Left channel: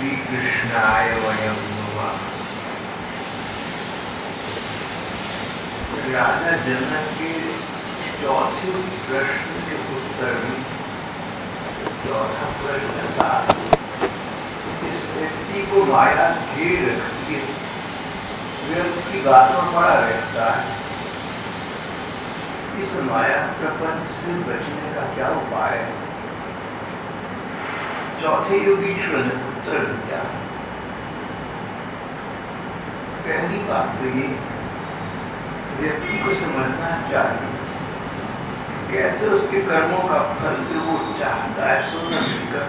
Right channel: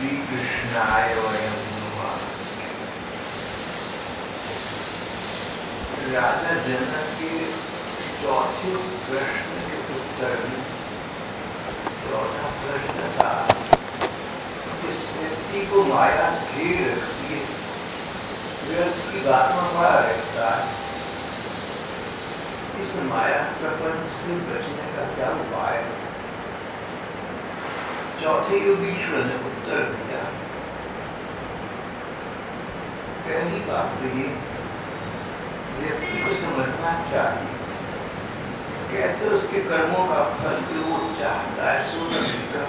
श्री कृष्णाय वयं नमः। राजा जनक के चौथे प्रश्न के उत्तर में चौथा प्रश्न था, इस व्यक्ति को माया घेर रखती है, व्यर्थ की बात में पड़ा रहता है, इस माया प्रपंच से बचने का क्या उपाय है? चौथे योगीश्वर ने उत्तर दिया, पहली बात तो ये व्यक्ति को समझना चाहिए कैसे उसके कर्मों का फल जो वो चाहता है सो न मिलकर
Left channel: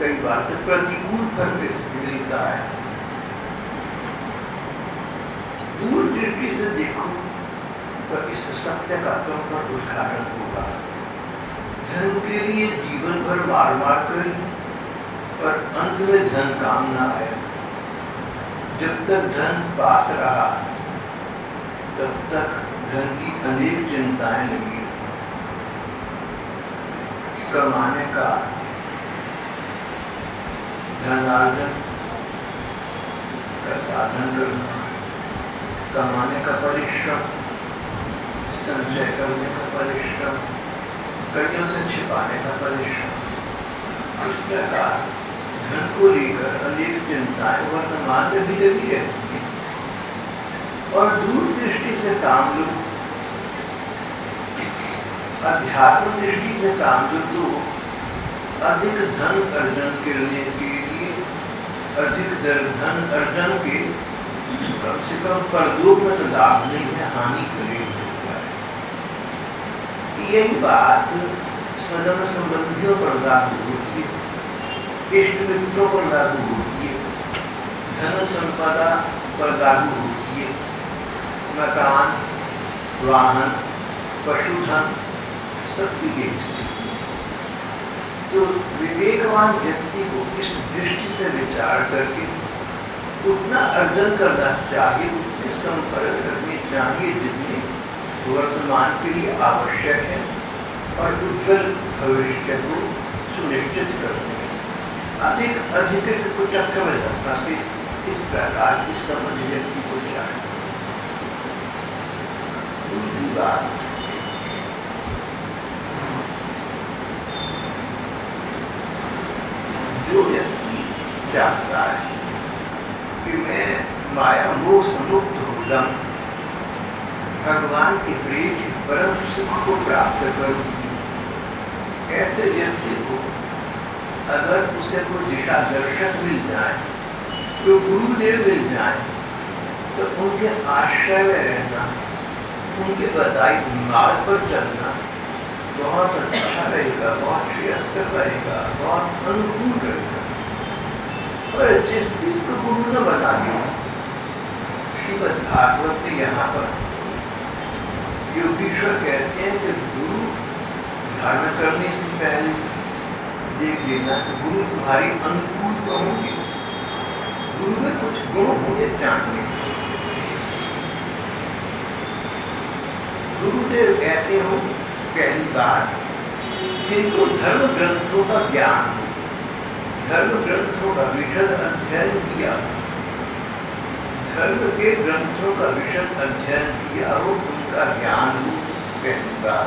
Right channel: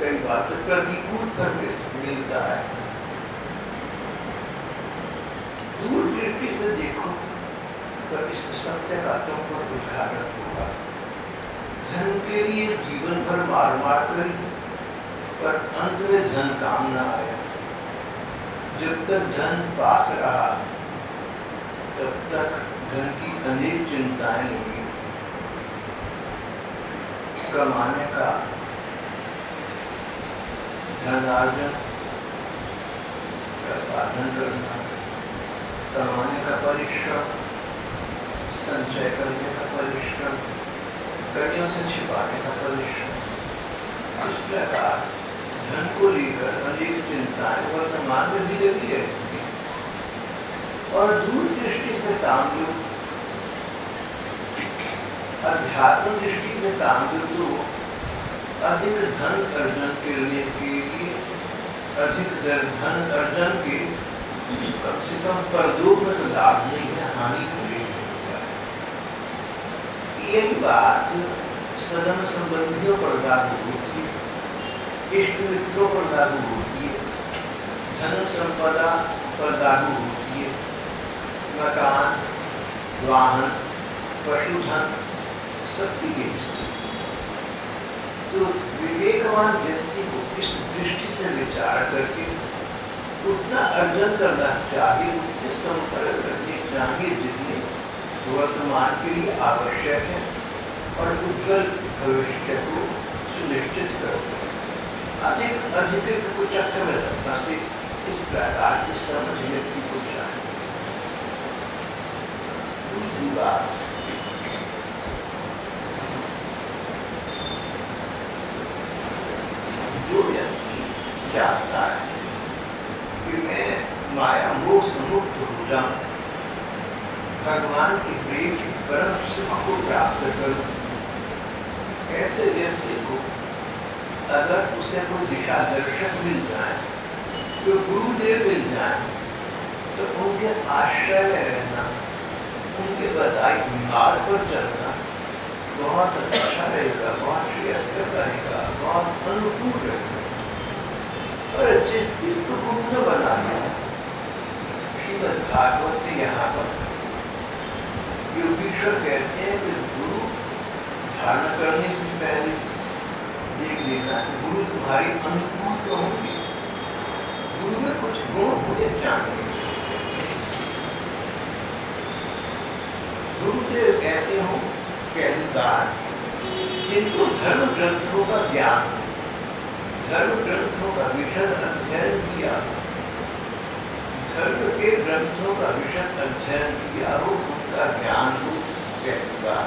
कई बार तो प्रतिकूल फल मिलता है। दूर दृष्टि से देखो तो इस सत्य का तुम पर उद्घाटन होगा। धन के लिए जीवन भर मार मार करी पर अंत में धन काम ना आए। जब तक धन पास रहा तब तक धन की अनेक चिंताएं लगी रही। कमाने का धनार्जन का साधन करना, कमाने का परिश्रम, संचय करने का परिश्रम, कइयों से छिपाने का परिश्रम, इस प्रकार धन को लेकर अनेक चिंताएं वर्तमान में भी लगी रहती है। और दूर दृष्टि से काम लो, अध्यात्म दृष्टि से काम लो तो अधिक धन अर्जन करने के लिए अधिक धन अर्जन के कम से कम परदोष में तो लाभ नहीं है, हानि को ले जाए। यही बात सदन संबंधियों पर लागू होती है, इष्ट मित्रों पर लागू होती है, धन संपदा पर लागू होती है, मकान, वाहन, पशुधन सबकी की स्थिति। तो विवेकवान व्यक्ति को इस दृष्टि से विचार करके उतना अर्जन करना चाहिए, उतने संपर्क रखने चाहिए जितने वर्तमान के लिए आवश्यक है और उज्जवल भविष्य को सुनिश्चित करते हैं। अधिक को चक्कर में रखना से इस प्रकार की समझ व्यक्ति को चाहिए। दूसरी बात, जो व्यक्ति चाहता है कि मैं माया मोह से मुक्त हो जाऊं, भगवान के प्रेम के परम सुख को प्राप्त करूं, ऐसे व्यक्ति को अगर उसे कोई दिशा दर्शक मिल जाए, तो गुरुदेव मिल जाए, तो उनके आश्रय में रहना, उनके बताए मार्ग पर चलना बहुत अच्छा रहेगा, बहुत श्रेयस्कर रहेगा, बहुत अनुकूल रहेगा। और जिसको गुरु न बना लिया, श्रीमद् भागवत में यहाँ पर योगीश्वर कहते हैं कि गुरु धारण करने से पहले देख लेना कि गुरु तुम्हारी अनुकूल तो होंगे, गुरु में कुछ गुण होने चाहिए। गुरुदेव ऐसे हों, पहली बात, जिनको धर्म ग्रंथों का ज्ञान, धर्म ग्रंथों का विशद अध्ययन किया, धर्म के ग्रंथों का विशद अध्ययन किया हो, उनका ज्ञान हो, पहली बात।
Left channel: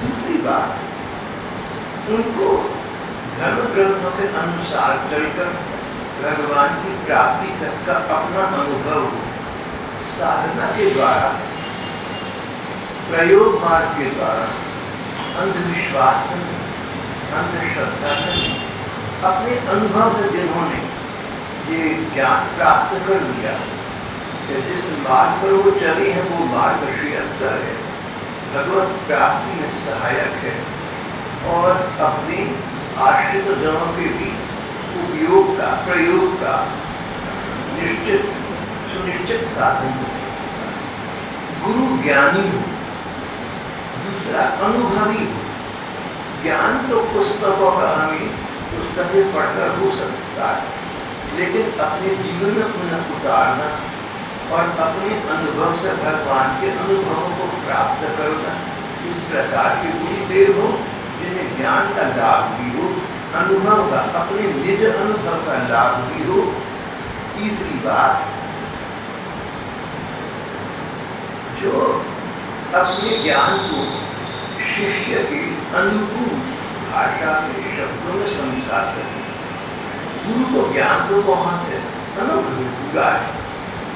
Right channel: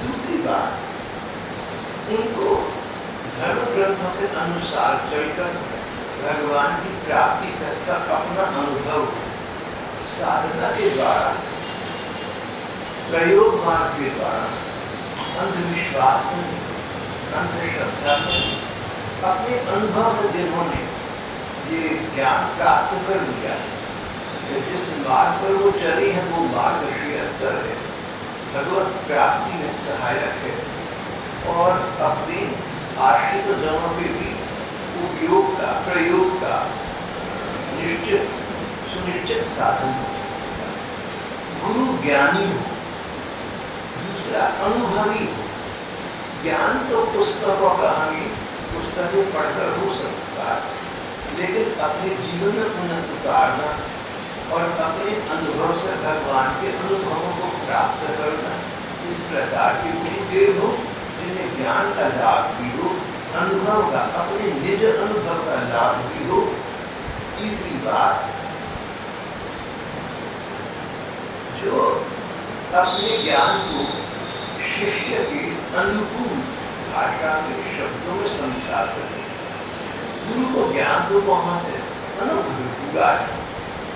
दूसरी बात, उनको धर्म ग्रंथों के अनुसार चलकर भगवान की प्राप्ति तक का अपना अनुभव हो, साधना के द्वारा, प्रयोग मार्ग के द्वारा, अंधविश्वास से, अंधश्रद्धा से, अपने अनुभव से जिन्होंने ये ज्ञान प्राप्त कर लिया, जिस मार्ग पर वो चले हैं वो मार्ग श्रेयस्कर है, भगवत प्राप्ति में सहायक है और अपने आश्रित जनों के भी उपयोग का, प्रयोग का सुनिश्चित साधन हो। गुरु ज्ञानी हो, दूसरा अनुभवी हो। ज्ञान तो पुस्तकों का हमें पुस्तकें पढ़कर हो सकता है, लेकिन अपने जीवन में उन्हें उतारना और अपने अनुभव से भगवान के अनुभवों को प्राप्त करना, इस प्रकार के गुरुदेव हो जिन्हें ज्ञान का लाभ भी हो अनुभव का, अपने निज अनुभव का लाभ भी हो। तीसरी बात, जो अपने ज्ञान को शिष्य के अनुकूल भाषा के शब्दों में समझा सके। गुरु को ज्ञान तो वहाँ से अनुभव पूरा है,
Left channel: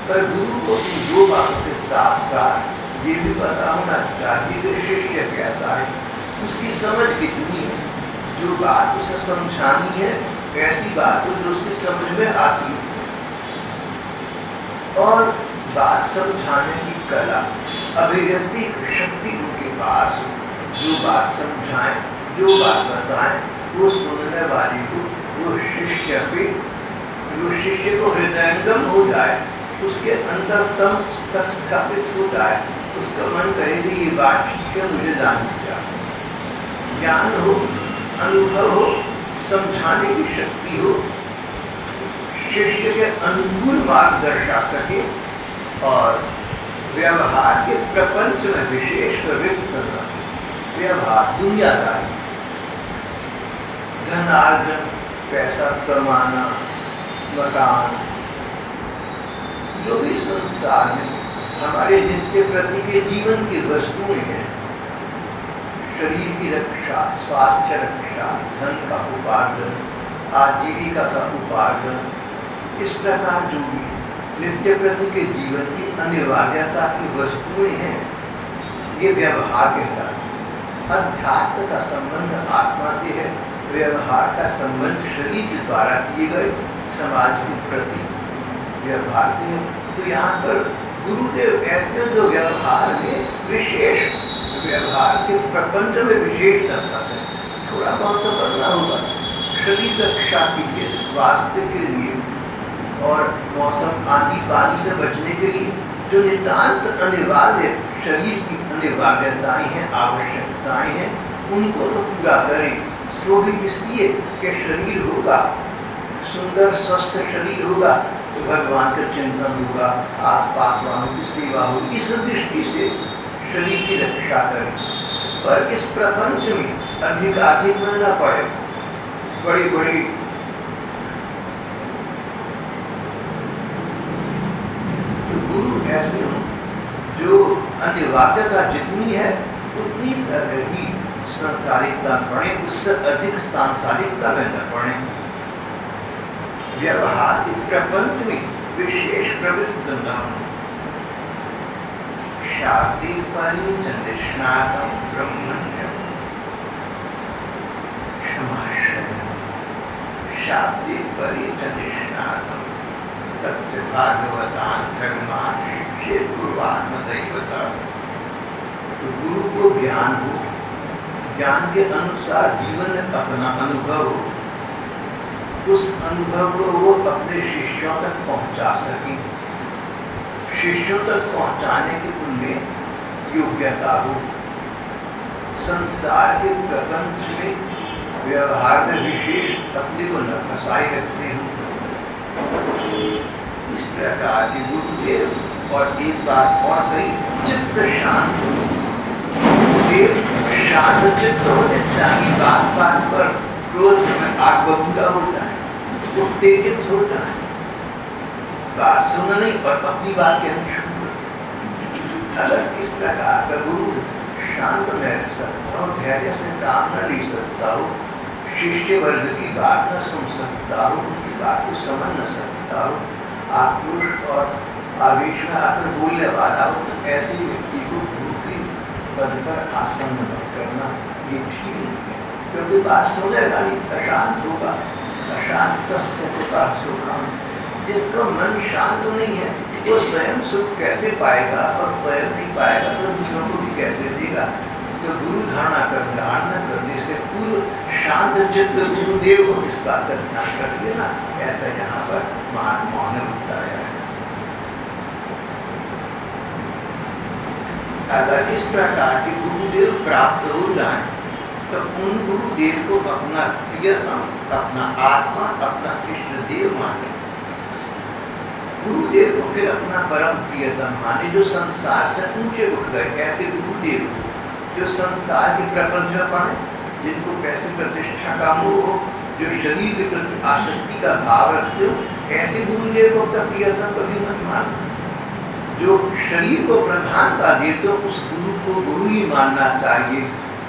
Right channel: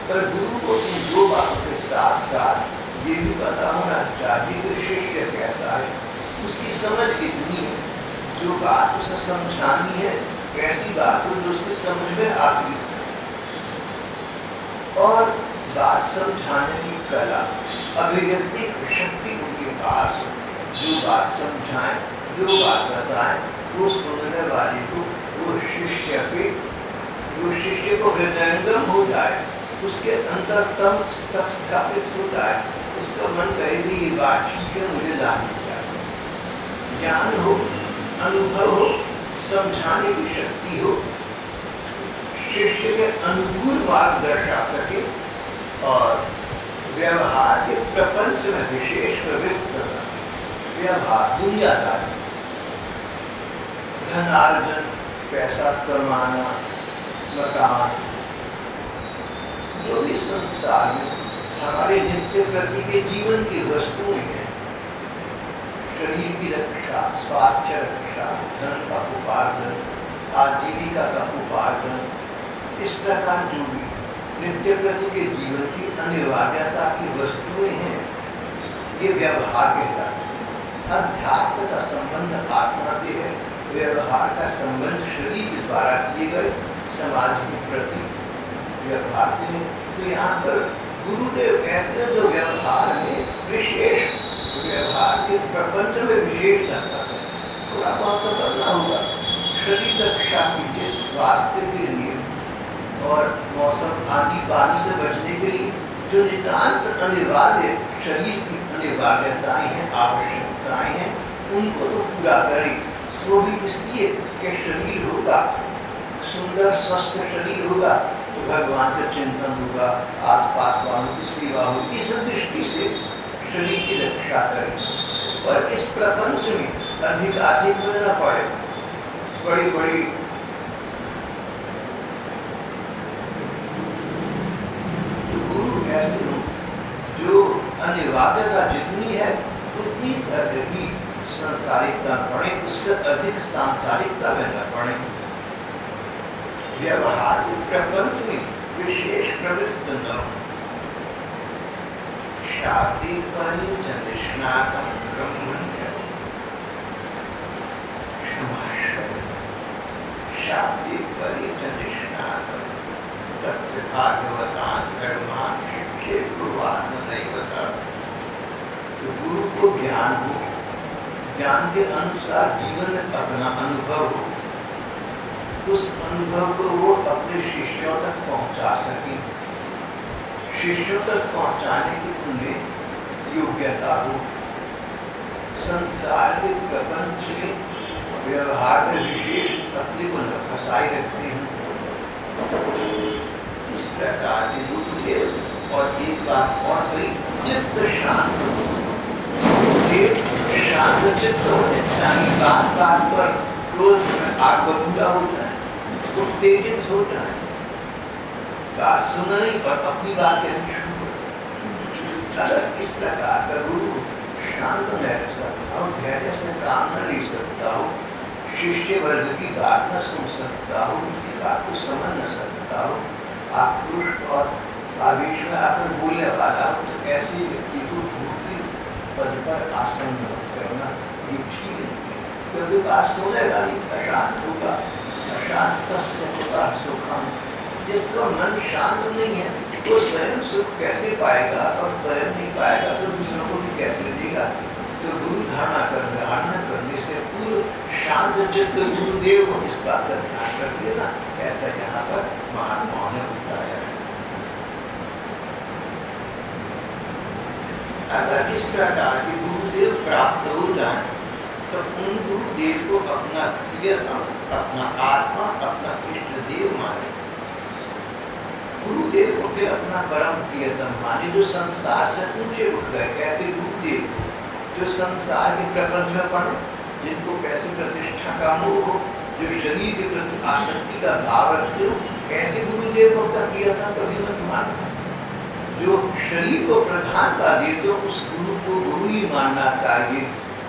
पर गुरु को इन दो बातों के साथ साथ ये भी पता होना चाहिए कि शिष्य कैसा है, उसकी समझ कितनी है। जो बात उसे समझानी है ऐसी बात हो जो उसकी समझ में आती है, और बात समझाने की कला, अभिव्यक्ति शक्ति उनके पास हो। जो बात समझाएं, जो बात बताएं, वो सुनने वाले को, वो शिष्य को हृदयंगम हो जाए, उसके अंतरतम तक स्थापित हो जाए, उसका मन कहे कि ये बात ठीक है, मुझे जाननी चाहिए। ज्ञान हो, अनुभव हो, समझाने की शक्ति हो, शिष्य के अनुकूल मार्ग दर्शा सके, और व्यवहार के प्रपंच में विशेष प्रवृत्त न, व्यवहार दुनियादारी, धनार्जन, पैसा कमाना, मकान, जो भी संसार में हमारे नित्य प्रति के जीवन की वस्तुएं हैं, शरीर की रक्षा, स्वास्थ्य रक्षा, धन का उपार्जन, आजीविका का उपार्जन, इस प्रकार जो भी नित्य प्रति के जीवन की अनिवार्यता की वस्तुएं हैं, ये व्यवहार कहलाते हैं। अध्यात्म का संबंध आत्मा से है, व्यवहार का संबंध शरीर के द्वारा किए गए समाज के प्रति व्यवहार से है। तो यहाँ पर गुरुदेव ऐसे जो व्यवहार में विशेष, व्यवहार के प्रपंच में विशेष दर्शा से थोड़ा बहुत तो करना होगा, शरीर रक्षा के लिए, स्वास्थ्य के लिए, और मौसम आंधी पानी से बचने के लिए जो नितांत अनिवार्य शरीर की अनिवार्यताएं हैं, आवश्यकताएं हैं, उनको तो पूरा करें। सो भी इसलिए कि शरीर होगा, सुंदर स्वस्थ शरीर होगा तो भगवान का चिंतन होगा, आसपास वालों की सेवा होगी। इस दृष्टि से शरीर की रक्षा करें, पर इस प्रपंच में अधिक में न पड़े। बड़ी बड़ी गुरु ऐसे हों जो अनिवार्यता जितनी है उतनी तक ही सांसारिकता पढ़े, उससे अधिक सांसारिकता में न पढ़े। व्यवहार के प्रपंच में विशेष प्रवृत्त न हो। शादी परिनिष्णातम ब्रह्मण्य क्षमाश्रय, शादी परिनिष्णातम तथ्य भागवतान धर्मान शिक्षे गुरुवात्मदैवता। तो गुरु को ज्ञान हो, ज्ञान के अनुसार जीवन में अपना अनुभव हो, उस अनुभव को वो अपने शिष्यों तक पहुंचा सके, शिष्यों तक पहुंचाने की उनमें योग्यता हो। संसार के प्रपंच में व्यवहार में विशेष अपने को न फंसाए रखते हैं। इस प्रकार के गुरुदेव। और एक बात और कही, चित्त शांत हो, देव शांत चित्त होने चाहिए। बात बात पर क्रोध में आग बबूला हो जाए, उत्तेजित हो जाए, बात सुननी और अपनी बात कहनी शुरू कर। अगर इस प्रकार का गुरु शांत न रह सकता हो, धैर्य से काम न ले सकता हो, शिष्य वर्ग की बात न सुन सकता हो, उनकी बात को समझ न सकता हो, आक्रोश और आवेश में आकर बोलने वाला हो, तो ऐसे व्यक्ति को गुरु के पद पर आसन्न मत करना, ये ठीक नहीं है। क्योंकि बात सुनेगा नहीं, अशांत होगा। अशांत सुखता सुखान, जिसका मन शांत नहीं है वो स्वयं सुख कैसे पाएगा, और स्वयं नहीं पाएगा तो दूसरों को भी कैसे देगा। तो गुरु धारणा करने से पूर्व शांत चित्त गुरुदेव को इस बात का ध्यान रखिए ना। ऐसा यहाँ पर महात्माओं ने बताया है। अगर इस प्रकार के गुरुदेव प्राप्त हो जाए तो उन गुरुदेव को अपना प्रियतम, अपना आत्मा, अपना इष्ट देव माने। गुरुदेव को फिर अपना परम प्रियतम माने, जो संसार से ऊंचे उठ गए। ऐसे गुरुदेव को जो संसार के प्रपंच में पड़े, जिनको पैसे प्रतिष्ठा का मोह हो, जो शरीर के प्रति आसक्ति का भाव रखते हो, ऐसे गुरुदेव को अपना प्रियतम कभी मत मानना। जो शरीर को प्रधानता देते हो उस गुरु को गुरु ही मानना चाहिए,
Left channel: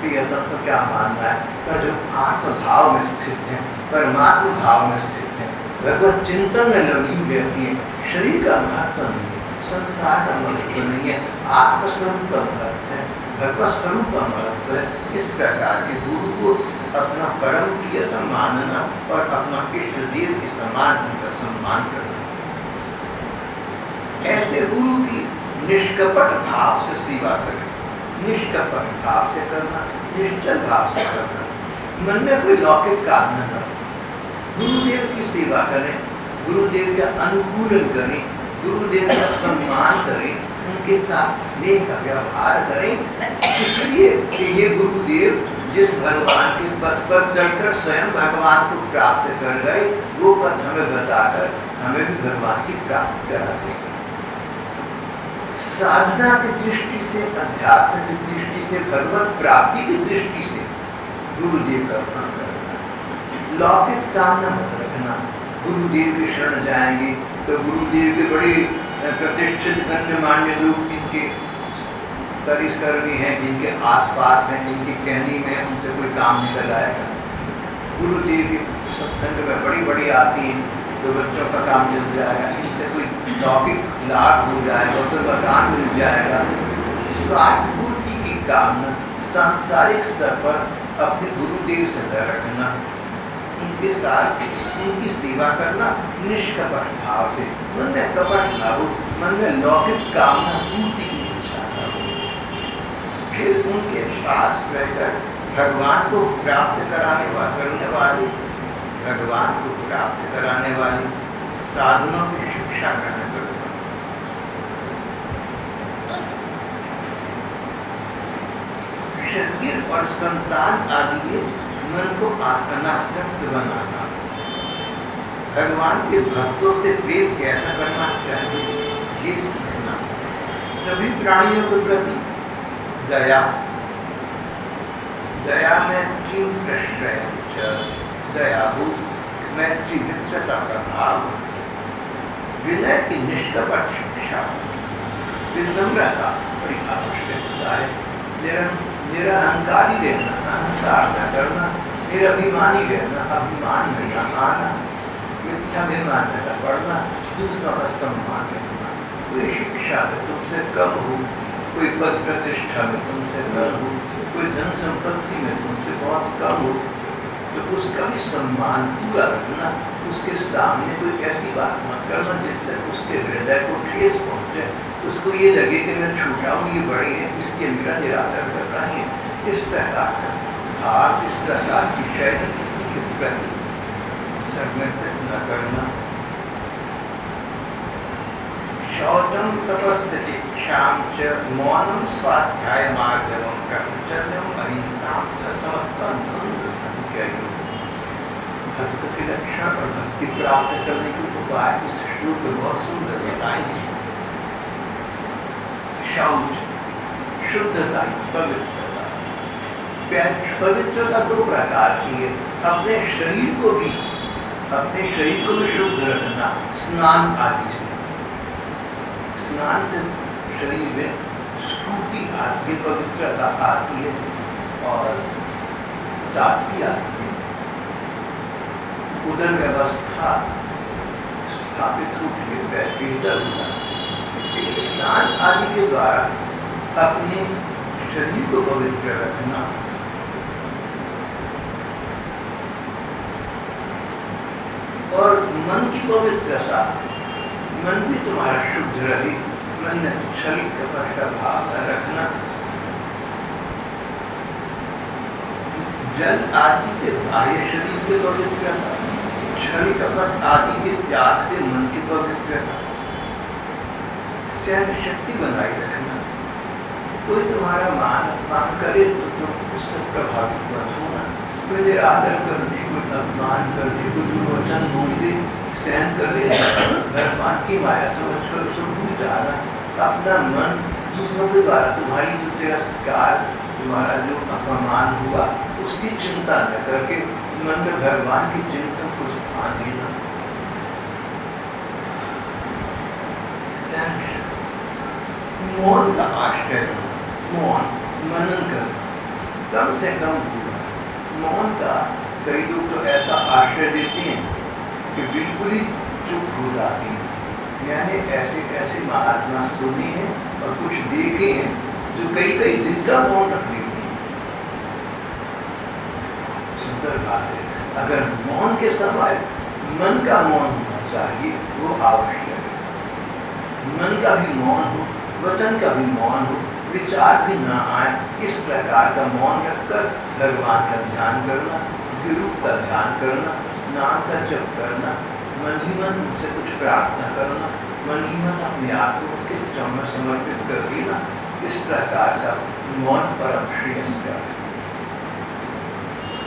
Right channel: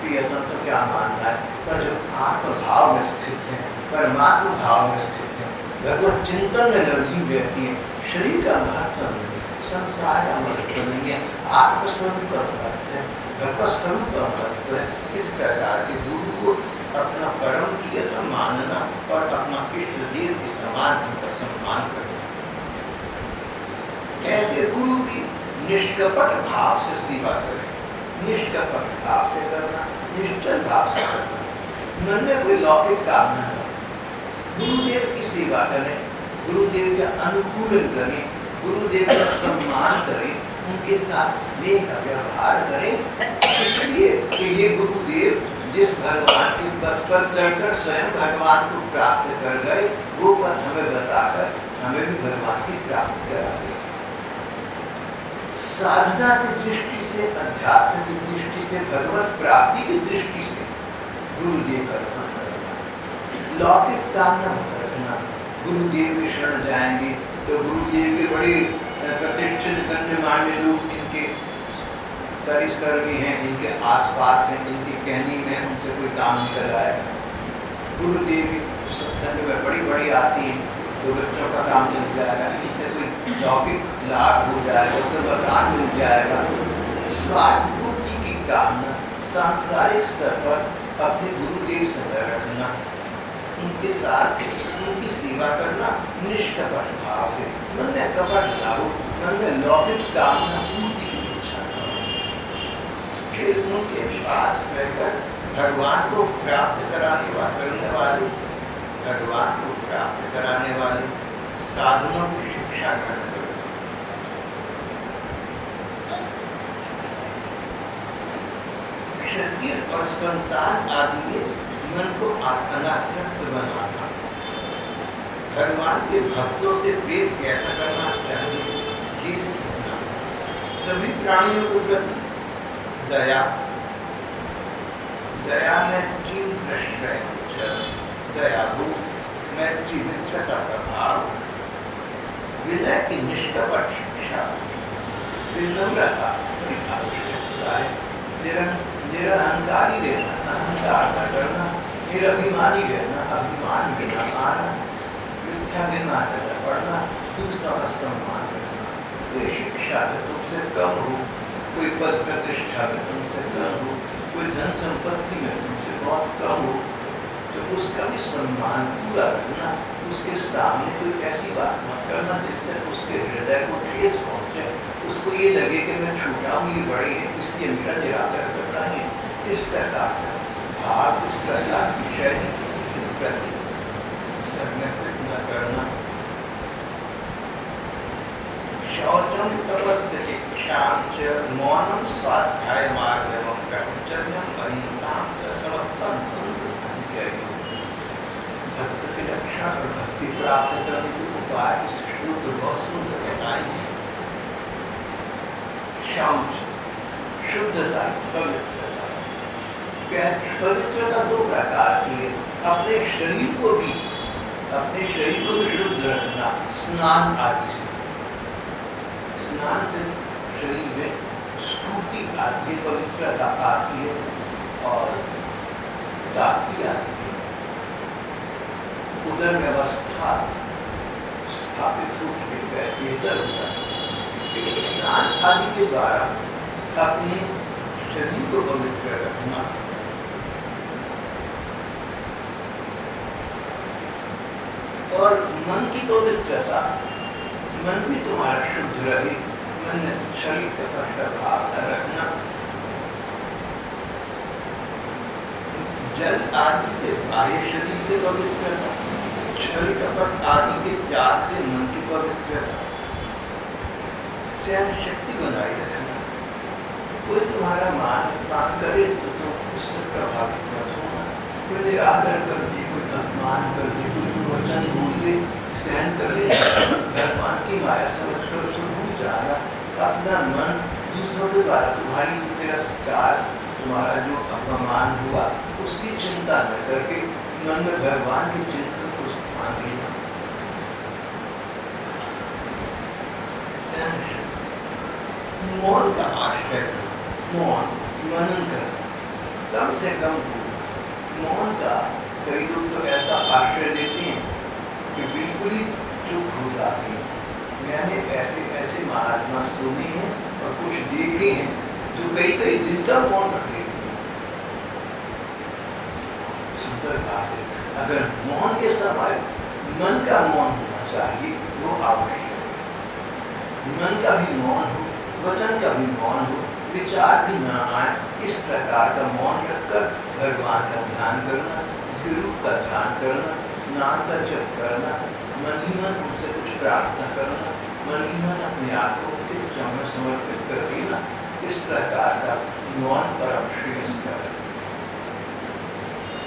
प्रियतम तो क्या मानना है। पर जो आत्म भाव में स्थित है, परमात्मा भाव में स्थित है, भगवत चिंतन में लीन रहती है, शरीर का महत्व नहीं है, संसार का महत्व नहीं है, आत्मस्वरूप का महत्व है, भगवत स्वरूप का महत्व है। इस प्रकार के गुरु को अपना परम प्रियतम मानना और अपना इष्ट देव के समान उनका सम्मान करना। ऐसे गुरु की निष्कपट भाव से सेवा करें, निष्कपट भाव से करना, निश्चल भाव से करना, मन में कोई लौकिक कामना न हो। गुरुदेव की सेवा करें, गुरुदेव का अनुकूलन करें, गुरुदेव का सम्मान करें, उनके साथ स्नेह का व्यवहार करें, इसलिए कि ये गुरुदेव जिस भगवान के पथ पर चढ़कर स्वयं भगवान को प्राप्त कर गए, वो पथ हमें बताकर हमें भी भगवान की प्राप्ति करा देंगे। साधना की दृष्टि से, अध्यात्म की दृष्टि से, भगवत प्राप्ति की दृष्टि से गुरुदेव का ग्रहण करना, लौकिक कामना मत रखना। गुरुदेव के शरण जाएंगे तो गुरुदेव के बड़े प्रतिष्ठित गण्यमान्य लोग इनके परिष्कर्मी हैं, इनके आसपास हैं, इनके कहने में उनसे कोई काम निकल आएगा। गुरुदेव के सत्संग में बड़ी बड़ी आती हैं तो बच्चों का काम चल जाएगा, इनसे कोई लौकिक लाभ हो जाएगा, तो वरदान मिल जाएगा। स्वार्थ पूर्ति की कामना सांसारिक स्तर पर अपने गुरुदेव से न रखना, उनके साथ उनकी सेवा करना निष्कपट भाव से, मन में कपट ना हो, मन में लौकिक कामना पूर्ति की इच्छा ना हो। फिर उनके पास रहकर भगवान को प्राप्त करने वाले भगवान को प्राप्त कराने वाले साधनों की शिक्षा ग्रहण करो। शरीर और संतान आदि में मन को अनासक्त बनाना, भगवान के भक्तों से प्रेम कैसा करना चाहिए ये सीखना, सभी प्राणियों के प्रति दया, दया मैत्री प्रश्रय, दयालु मैत्री मित्रता का भाव, विनय की निष्कपट शिक्षा, विनम्रता बड़ी आवश्यकता है, निरहंकारी रहना, अहंकार न करना, निरभिमानी रहना, अभिमान में न आना, मिथ्याभिमान में न पड़ना, दूसरों का सम्मान करना। कोई शिक्षा में तुमसे कम हो, कोई पद प्रतिष्ठा में तुमसे कम हो, कोई धन संपत्ति में तुमसे बहुत कम हो, तो उसका भी सम्मान पूरा रखना। उसके सामने कोई ऐसी बात मत करना जिससे उसके हृदय को ठेस पहुँचे, उसको ये लगे कि मैं छोटा हूँ, ये बड़े हैं, इसलिए मेरा निरादर कर रहे हैं। इस प्रकार का भाव, इस प्रकार की शैली किसी के प्रति समर्पित न करना। शौचम तपस्तितिक्षाम च मौनम स्वाध्याय मार्गवम ब्रह्मचर्यम अहिंसाम च समत्वं द्वंद्व संज्ञय। भक्त के लक्षण और भक्ति प्राप्त करने के उपाय इस श्लोक में बहुत सुंदर बताए हैं। शौच शुद्धता, पवित्रता। पवित्रता दो प्रकार की है, अपने शरीर को भी शुद्ध रखना स्नान आदि से। स्नान से शरीर में स्फूर्ति आती है, पवित्रता आती है और ताजगी आती है, उदर व्यवस्था स्थापित होती है, बेहतर होता है। स्नान आदि के द्वारा अपने शरीर को पवित्र रखना, और मन की पवित्रता, मन भी तुम्हारा शुद्ध रहे, मन में छल कपट का भाव न रखना। जल आदि से बाह्य शरीर की पवित्रता, छल कपट आदि के त्याग से मन की पवित्रता, सहन शक्ति बनाए रखना। कोई तुम्हारा मान अपमान करे तो तुम उससे प्रभावित मत होना। कोई निरादर कर दे, कोई अपमान कर दे, कोई दुर्वचन बोल दे, सहन कर लेना, भगवान की माया समझ कर उसे भूल जाना। अपना मन दूसरों के द्वारा तुम्हारी जो तिरस्कार, तुम्हारा जो अपमान हुआ, उसकी चिंता न करके मन में भगवान के चिंतन को स्थान देना, मौन का आश्रय करना, मौन मनन करना, कम से कम बोलना। मौन का कई लोग तो ऐसा आश्रय देते हैं कि बिल्कुल ही चुप हो जाते हैं। मैंने ऐसे ऐसे महात्मा सुने हैं और कुछ देखे हैं जो कई कई दिन का मौन रख लेते हैं। सुंदर बात है। अगर मौन के समय मन का मौन होना चाहिए, वो आवश्यक है। मन का भी मौन हो, वचन का भी मौन हो, विचार भी ना आए, इस प्रकार का मौन रखकर भगवान का ध्यान करना, गुरु का ध्यान करना, नाम का जप करना, मन ही मन उनसे कुछ प्रार्थना करना, मन ही मन अपने आप को उनके चरणों समर्पित कर देना, इस प्रकार का मौन परम श्रेयस्कर है।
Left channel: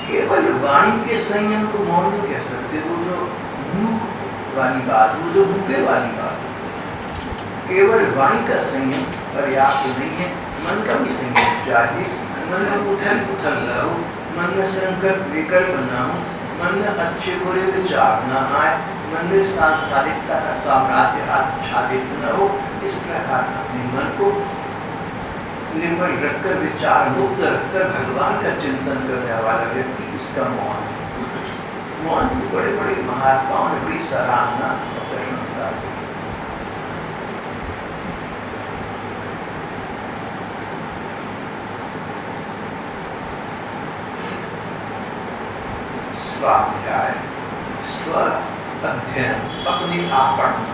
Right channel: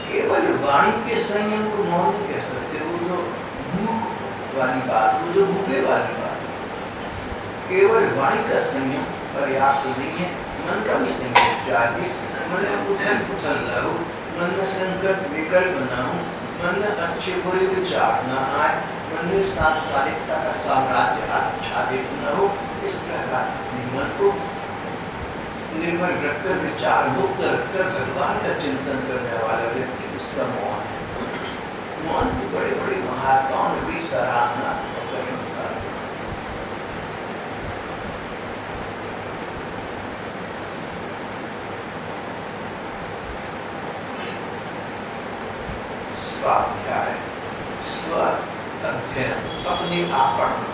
केवल वाणी के संयम को मौन नहीं कह सकते, वो तो मूक वाली बात, वो तो भूखे वाली बात। केवल वाणी का संयम पर्याप्त नहीं है, मन का भी संयम चाहिए। मन में उथल पुथल न हो, मन में संकल्प विकल्प न हो, मन में अच्छे बुरे विचार न आए, मन में सांसारिकता का साम्राज्य आच्छादित न हो। इस प्रकार अपने मन को निर्मल रखकर, विचार मुक्त रखकर भगवान का चिंतन करने वाला व्यक्ति इसका मौन है। मौन को बड़े बड़े महात्माओं ने बड़ी सराहना और प्रशंसा की। स्वाध्याय, स्व अध्ययन, अपने आप पढ़ना।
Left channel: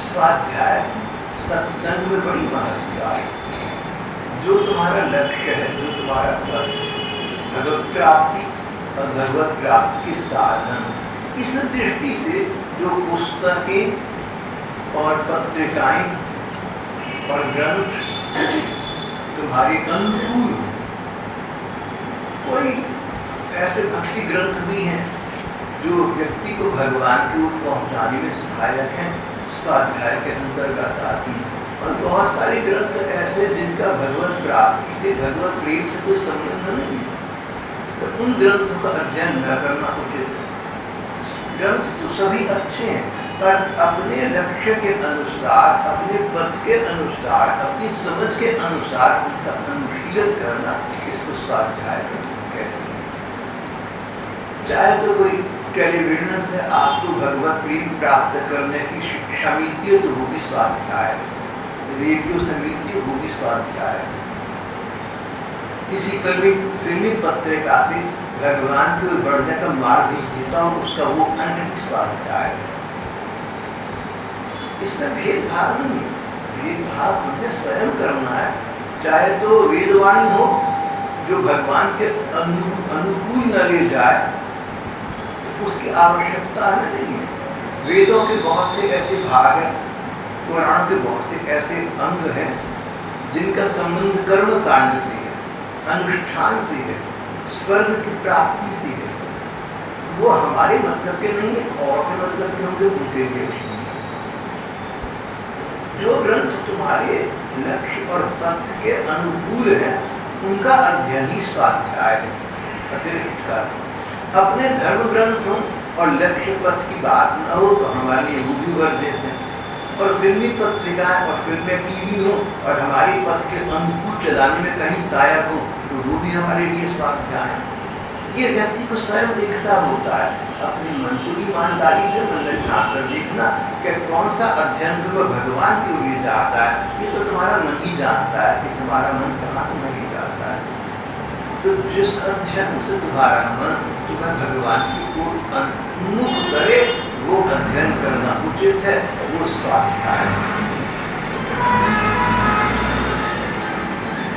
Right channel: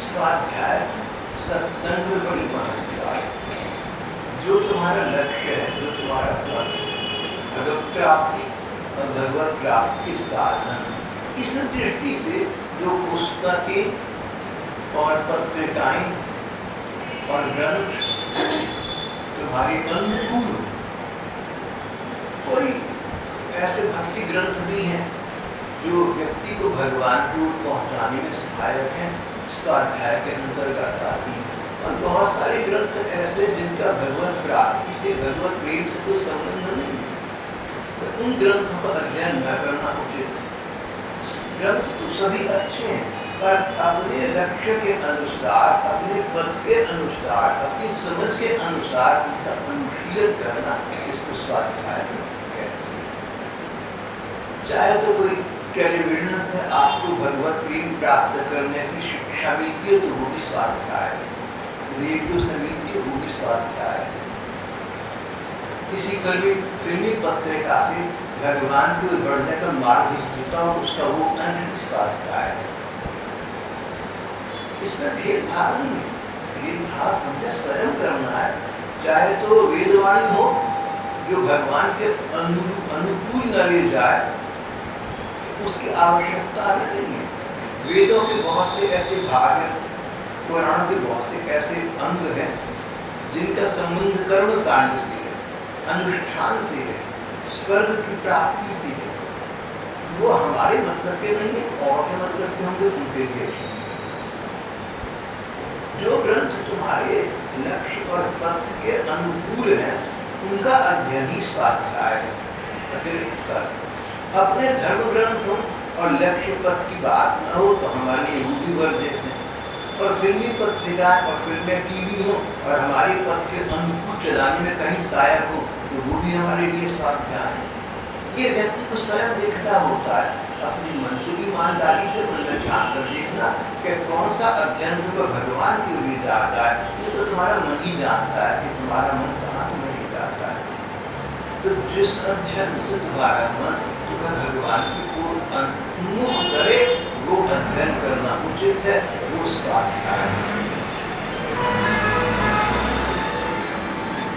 स्वाध्याय सत्संग में बड़ी महत्ता है। जो तुम्हारा लक्ष्य है, जो तुम्हारा पथ, भगवत प्राप्ति और भगवत प्राप्ति के साधन, इस दृष्टि से जो पुस्तकें और पत्रिकाएं और ग्रंथ तुम्हारे अनुकूल, कोई ऐसे भक्ति ग्रंथ भी हैं जो व्यक्ति को भगवान की ओर पहुँचाने में सहायक हैं, स्वाध्याय के अंतर्गत आती हैं। और बहुत सारे ग्रंथ ऐसे जिनका भगवत प्राप्ति से, भगवत प्रेम से कोई संबंध नहीं है, तो उन ग्रंथों का अध्ययन न करना उचित है। ग्रंथ तो सभी अच्छे हैं, पर अपने लक्ष्य के अनुसार, अपने पथ के अनुसार, अपनी समझ के अनुसार उनका अनुशीलन करना, इसको स्वाध्याय कहते हैं। चाहे तो कोई टेलीविजन से आपको भगवत प्रेम प्राप्त करने की शिक्षा मिलती है तो वो भी स्वाध्याय है, रेडियो से मिलती है वो भी स्वाध्याय है, किसी फिल्मी पत्रिका से भगवान की ओर बढ़ने का मार्ग दिखता हो उसका वो अंश भी स्वाध्याय है। इसमें भेदभाव नहीं है, भेदभाव हमने स्वयं करना है। चाहे तो वेदवाणी हो जो भगवान के अनुकूल न ले जाए, उसकी आवश्यकता हमें नहीं है। वेदों के बहुत से ऐसे भाग हैं, पुराणों के बहुत से ऐसे अंग हैं जिनका संबंध कर्म कांड से है, अनुष्ठान से है, स्वर्ग की प्राप्ति से है। वो हमारे मतलब के नहीं है, और के मतलब के होंगे, उनके लिए भी। जो ग्रंथ तुम्हारे लक्ष्य और पथ के अनुकूल है उनका अध्ययन ही स्वाध्याय है। अतिरिक्त कर अपने धर्म ग्रंथों और लक्ष्य पथ की बात न हो तो हमारे लिए वो भी वर्जित है। और फिल्मी पत्रिकाएं और फिल्में टीवी हो और हमारे पथ के अनुकूल चलाने में कहीं सहायक हो तो वो भी हमारे लिए स्वाध्याय है। ये व्यक्ति को स्वयं देखना होता है, अपने मन को ईमानदारी से मन में झाँक कर देखना कि कौन सा अध्ययन तुम्हें भगवान के लिए जाता है। ये तो तुम्हारा मन ही जानता है कि तुम्हारा मन कहाँ तुम्हें ले जाता है। तो जिस अध्ययन से तुम्हारा मन तुम्हें भगवान की ओर उन्मुख करे वो अध्ययन करना उचित है, वो स्वाध्याय है।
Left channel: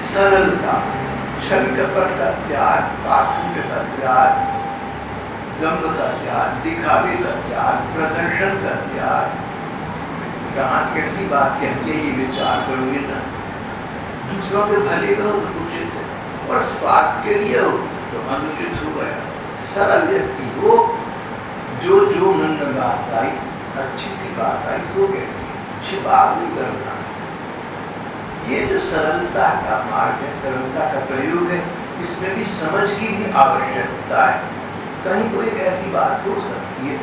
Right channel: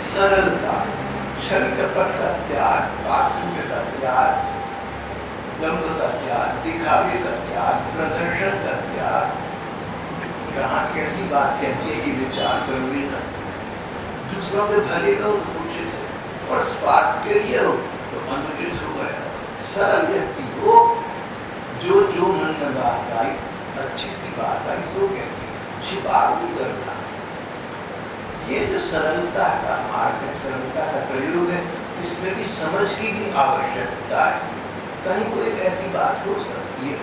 सरलता, छल कपट का त्याग, पाखंड का त्याग, दंभ का त्याग, दिखावे का त्याग, प्रदर्शन का त्याग। कहाँ कैसी बात कहती है ये विचार करोगे ना, दूसरों के भले का हो तो उचित है, और स्वार्थ के लिए हो तो अनुचित हो गया। सरल व्यक्ति हो, जो जो मन में बात आई, अच्छी सी बात आई सो कहती, छिपा नहीं करना। ये जो सरलता का मार्ग है, सरलता का प्रयोग है, इसमें भी समझ की भी आवश्यकता है। कहीं कोई ऐसी बात हो सकती है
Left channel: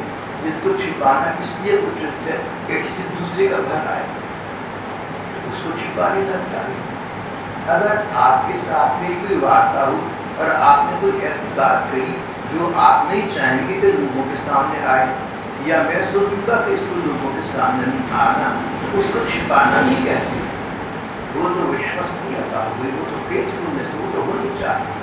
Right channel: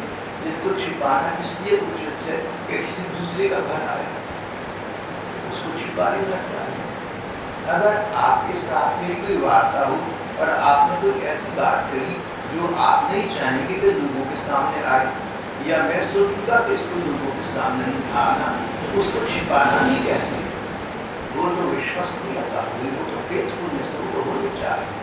जिसको छिपाना इसलिए उचित है कि किसी दूसरे का भला है, उसको छिपा लेना चाहिए। अगर आपके साथ मेरी कोई वार्ता हो और आपने कोई ऐसी बात कही जो आप नहीं चाहेंगे कि लोगों के सामने आए, या मैं सोचूंगा कि इसको लोगों के सामने नहीं आना, तो उसको छिपाना नहीं कहते। वो तो विश्वसनीयता हो गई, वो तो फेथफुलनेस, वो तो होनी चाहिए।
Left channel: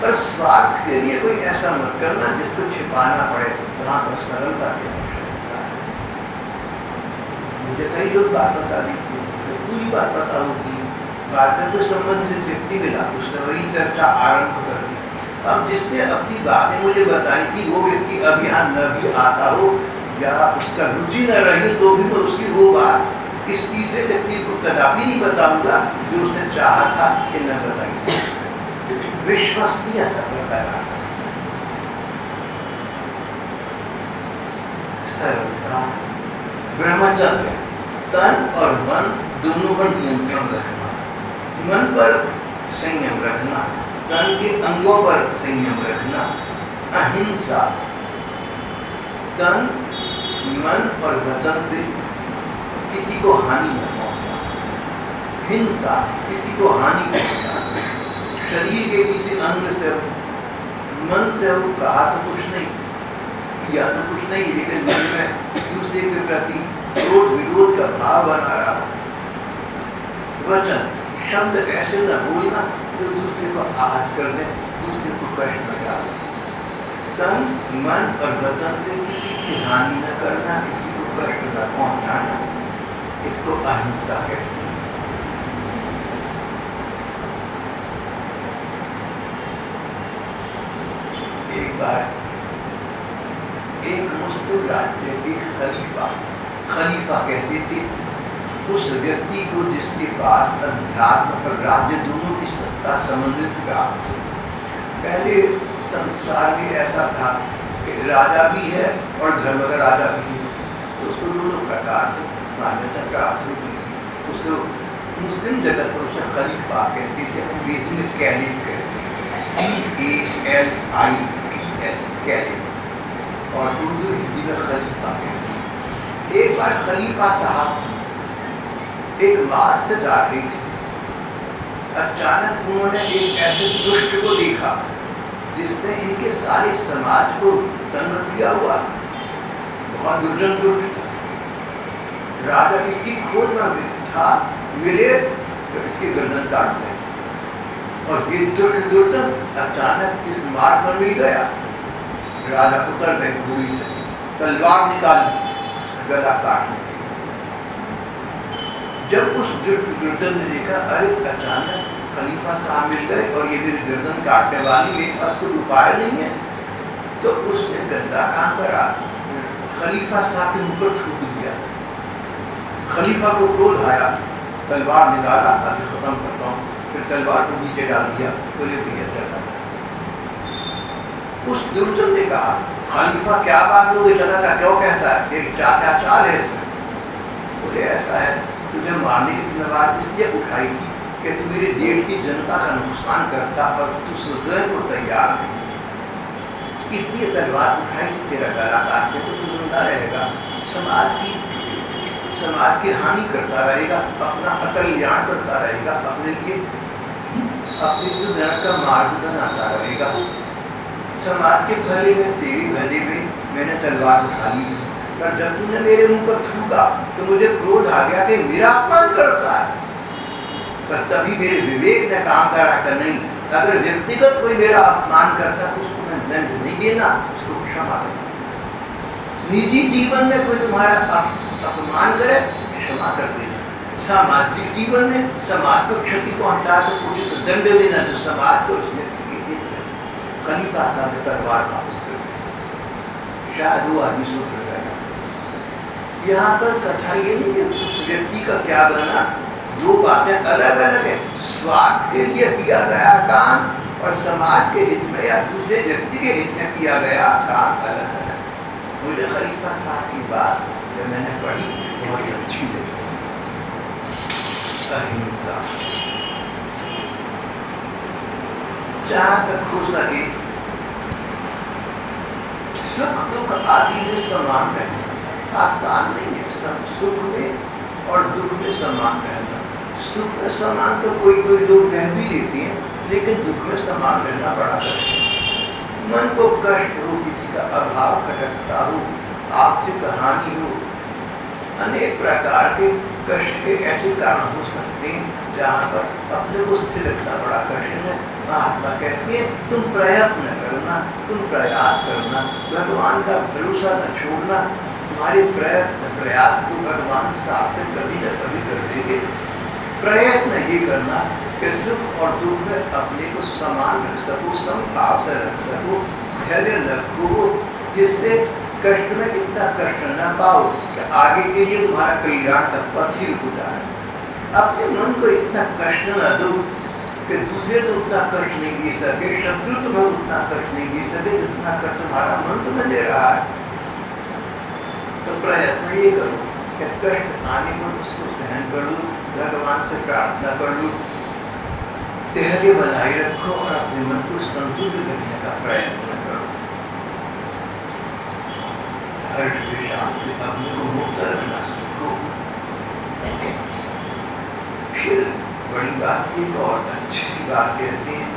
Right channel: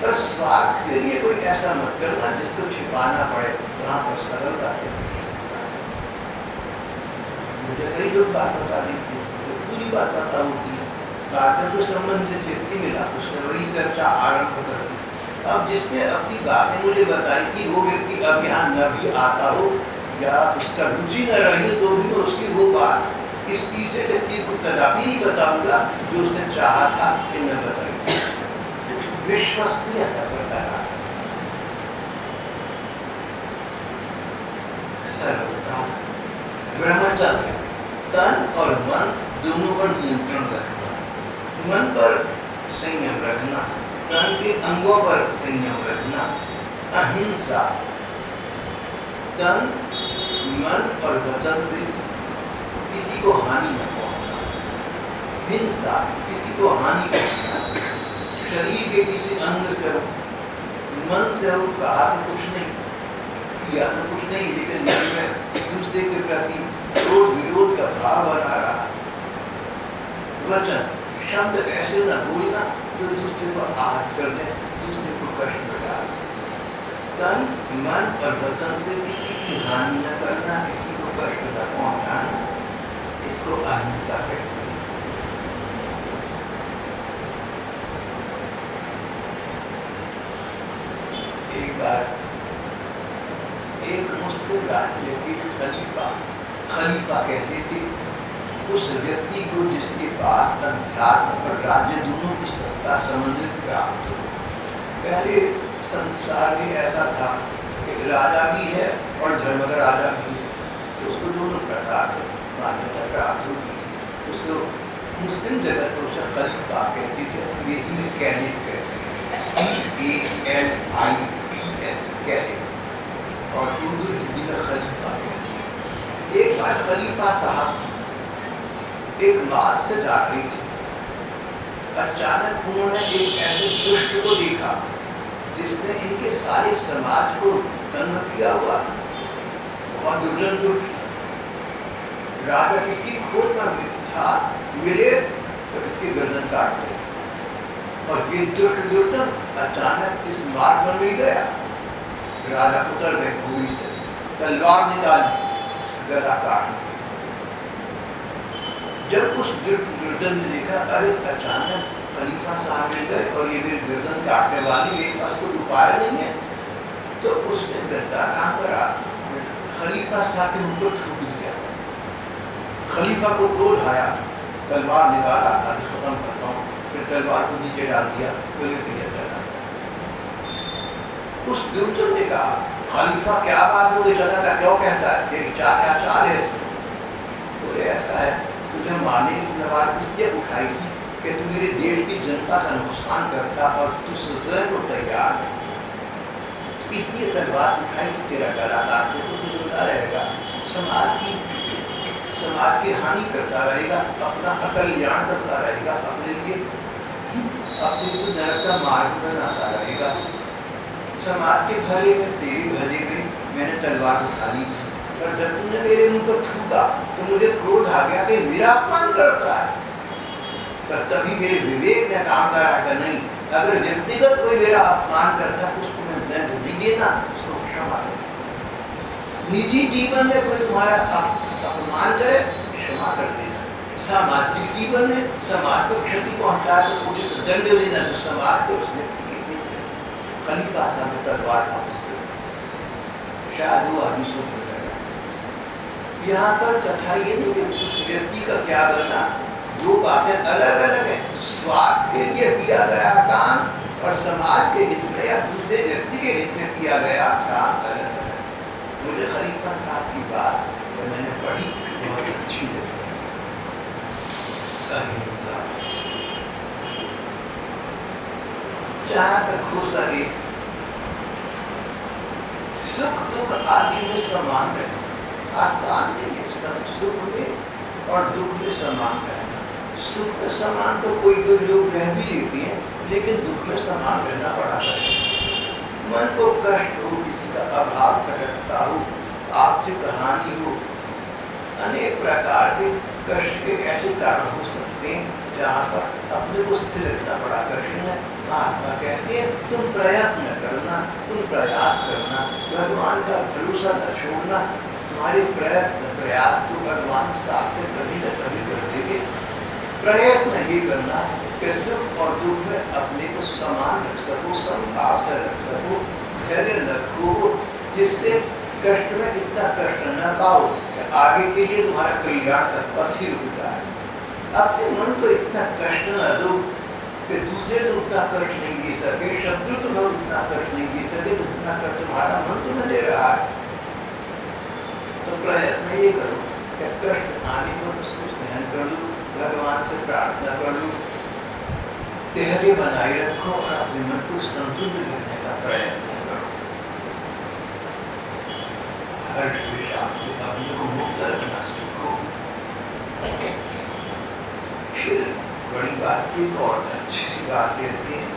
पर स्वार्थ के लिए कोई ऐसा मत करना जिसको छिपाना पड़े, वहाँ पर सरलता की आवश्यकता है। मुझे कई लोग बात बता दी थी, मुझे पूरी बात पता होती, बाद में कोई संबंधित व्यक्ति मिला, उसने वही चर्चा आरंभ कर दी। अब जिसने अपनी बातें मुझे बताई थी वो व्यक्ति अब यहाँ न भी आता हो या उसका रुचि न रही हो, तो भी मैं उसकी वो बात इस तीसरे व्यक्ति को कदापि नहीं बताऊंगा जो उसने चाहा था कि न बताई। विश्वसनीयता बरकरार, सरलता, ब्रह्मचर्य, तन और मन दोनों पर नियंत्रण रखना, मन पर संयम रखना, तन के अंगों पर संयम रखना, अहिंसा, तन, मन और वचन से किसी को हानि न पहुंचाना, हिंसा, किसी को हानि पहुंचाना, शरीर के किसी अंग से हो, मन से हो, कहा तो कुछ नहीं, किया तो कुछ नहीं, लेकिन मन में दूसरे के प्रति क्रोध विरोध का भाव बना रहा। वचन, शब्द ऐसे न बोलना जो दूसरे को आहत कर दे, दूसरे को कष्ट में डाले। तन, मन और वचन से किसी की हानि न करना, किसी को कष्ट न पहुंचाना, इसको अहिंसा कहते हैं। एक बार एक मुस्लिम राज्य के खलीफा कहते थे उस व्यक्ति को जिसके पास अध्यात्म और राज्य दोनों की सत्ता समन्वित प्राप्त हो। पहले संसार में ऐसा था कि राजा भी है और धर्म का राजा भी है, तो उसको दोनों प्रकार से मान्यता प्राप्त होती थी। उसको मुस्लिम जगत में उसे खलीफा कहते थे, अंग्रेजी में कैलिफ कहते हैं, CALIPH, कैलिफ, और उर्दू हिंदी में खलीफा कहते हैं। एक बार खलीफा साहब एक मार्ग से जा रही थी, अचानक उन्होंने एक ऐसे दुष्ट को देखा जिसने इनके सारे समाज को तंग किया हुआ था, बहुत दुर्जन दुष्ट था। राजा इसकी खोज में था, मिले तो इसकी गर्दन काट ले, और ये दुर्जन अचानक इस मार्ग पर मिल गया। राजा उतर गए बुरी से, तलवार निकाली, गला काटने की। जब उस दुर्जन ने देखा, अरे अचानक खलीफा साहब मिल गए और ये मेरी गर्दन काटने वाली, मेरे पास कोई उपाय नहीं है, तो उसने गद्दा काम करा, खलीफा साहब के ऊपर थूक दिया। खलीफा को क्रोध आया, तलवार निकाला, अभी खत्म करता हूँ, फिर तलवार को नीचे डाल दिया, बोले क्रिया चला। उस दुर्जन ने कहा, खलीफा क्या बात हो गई, चला था, क्यों कहता है, तेरी क्या चाल है? बोले ऐसा है, तुझे मारने की तलवार इसलिए उठाई थी कि तू मेरे देश की जनता का नुकसान करता और तू सजा को तैयार नहीं, इसलिए तलवार उठाई थी, तेरा गला काटने को तू जिंदा रहेगा, समाज की हानि करता रहेगा, अपना अकल्याण करता रहेगा, अपने लिए अपने नरक का मार्ग बनाता रहेगा। समाज के भले में, तेरे भले में मैंने तलवार उठा ली थी, पर जब तुमने मेरे मुंह पर थूका तो मुझे क्रोध आ गया कि मेरा अपमान करता है। पर तभी मेरे विवेक ने काम करा कि नहीं, अगर व्यक्तिगत कोई मेरा अपमान करता है उसको मैं दंड नहीं देना, उसको क्षमा करना। निजी जीवन में कोई तुम्हारा अपमान करे, क्षमा कर देना। सामाजिक जीवन में समाज को क्षति पहुंचाए तो उचित दंड लेना, जो समाज को उस व्यक्ति के हित में। खलीफा साहब ने तलवार वापस कर दी, शायद वो आदमी सुधर गया। यहाँ पर कथा ये नहीं कि उस व्यक्ति का क्या बना, दो बातें अलग अलग है। स्वार्थ के लिए किया गया काम और समाज के हित में या दूसरे व्यक्ति के हित में किया गया काम अलग अलग। मुझे खलीफा साहब की बात जब मैंने पढ़ी बहुत अच्छी लगी। अहिंसा, जहाँ तक हो सके सुख दुख आदि में समान रहना आसान नहीं है। सुख में और दुख में समान रहना, सुख में समान तो कोई कोई लोग रह भी लेते हैं, लेकिन दुख में समान रहना बड़ा कठिन। मन को कष्ट हो, किसी का अभाव खटकता हो, आर्थिक हानि हो, अनेक प्रकार के कष्ट के ऐसे कारण हो सकते हैं जहाँ पर अपने को स्थिर रखना बड़ा कठिन है। महात्मा कहते हैं तुम प्रयत्न करना, तुम प्रयास करना, भगवान का भरोसा न छोड़ना। तुम्हारे प्रयत्न प्रयास को भगवान सार्थक कभी न कभी कर देंगे। प्रयत्न ये करना कि सुख और दुख में अपने को समान रख सको, समभाव से रख सको, धैर्य रखो, जिससे कष्ट में इतना कष्ट न पाओ कि आगे के लिए तुम्हारा कल्याण का पथ ही रुक जाए। अपने मन को इतना कष्ट न दो कि दूसरे तो उतना कष्ट नहीं दे सके, शत्रु तुम्हें उतना कष्ट नहीं दे सके जितना कष्ट तुम्हारा मन तुम्हें दे रहा है। तो प्रयत्न ये करो कि कष्ट आने पर उसको सहन कर लो, भगवान से प्रार्थना कर लो, धैर्य बनाए रखो और अपने मन को संतुलित करने का प्रयत्न करो। हर विषय से अपने को मुक्त रखना सीखो। फिर बड़ी बात एक और अच्छी सी बात कहते हैं,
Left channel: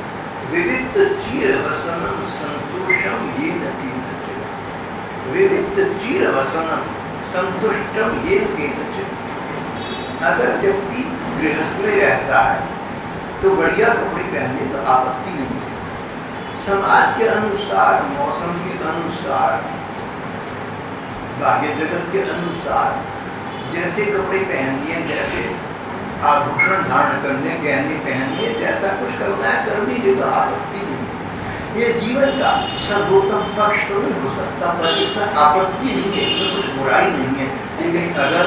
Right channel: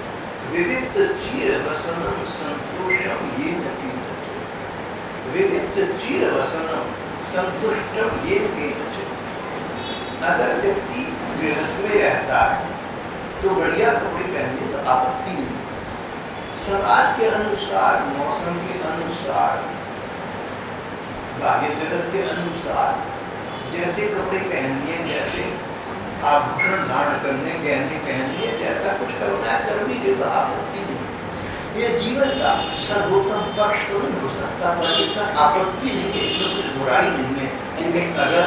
विविक्त चीर वसनम संतोषम ये न केनचित्। विविक्त चीर वसनम संतुष्टम ये न केनचित्। अगर व्यक्ति गृहस्थ में रहता है तो बढ़िया कपड़े पहनने तो आपत्ति नहीं। समाज के अनुसार, मौसम के अनुसार, बाह्य जगत के अनुसार जैसे कपड़े पहनने, जैसे आभूषण धारण करने, गहने पहनने, जैसा कुछ करना है कर लीजिए तो आपत्ति नहीं। ये जीवन का सर्वोत्तम पक्ष तो नहीं हो सकता, पर इसमें आपत्ति नहीं है, इसमें कुछ बुराई नहीं है। लेकिन अगर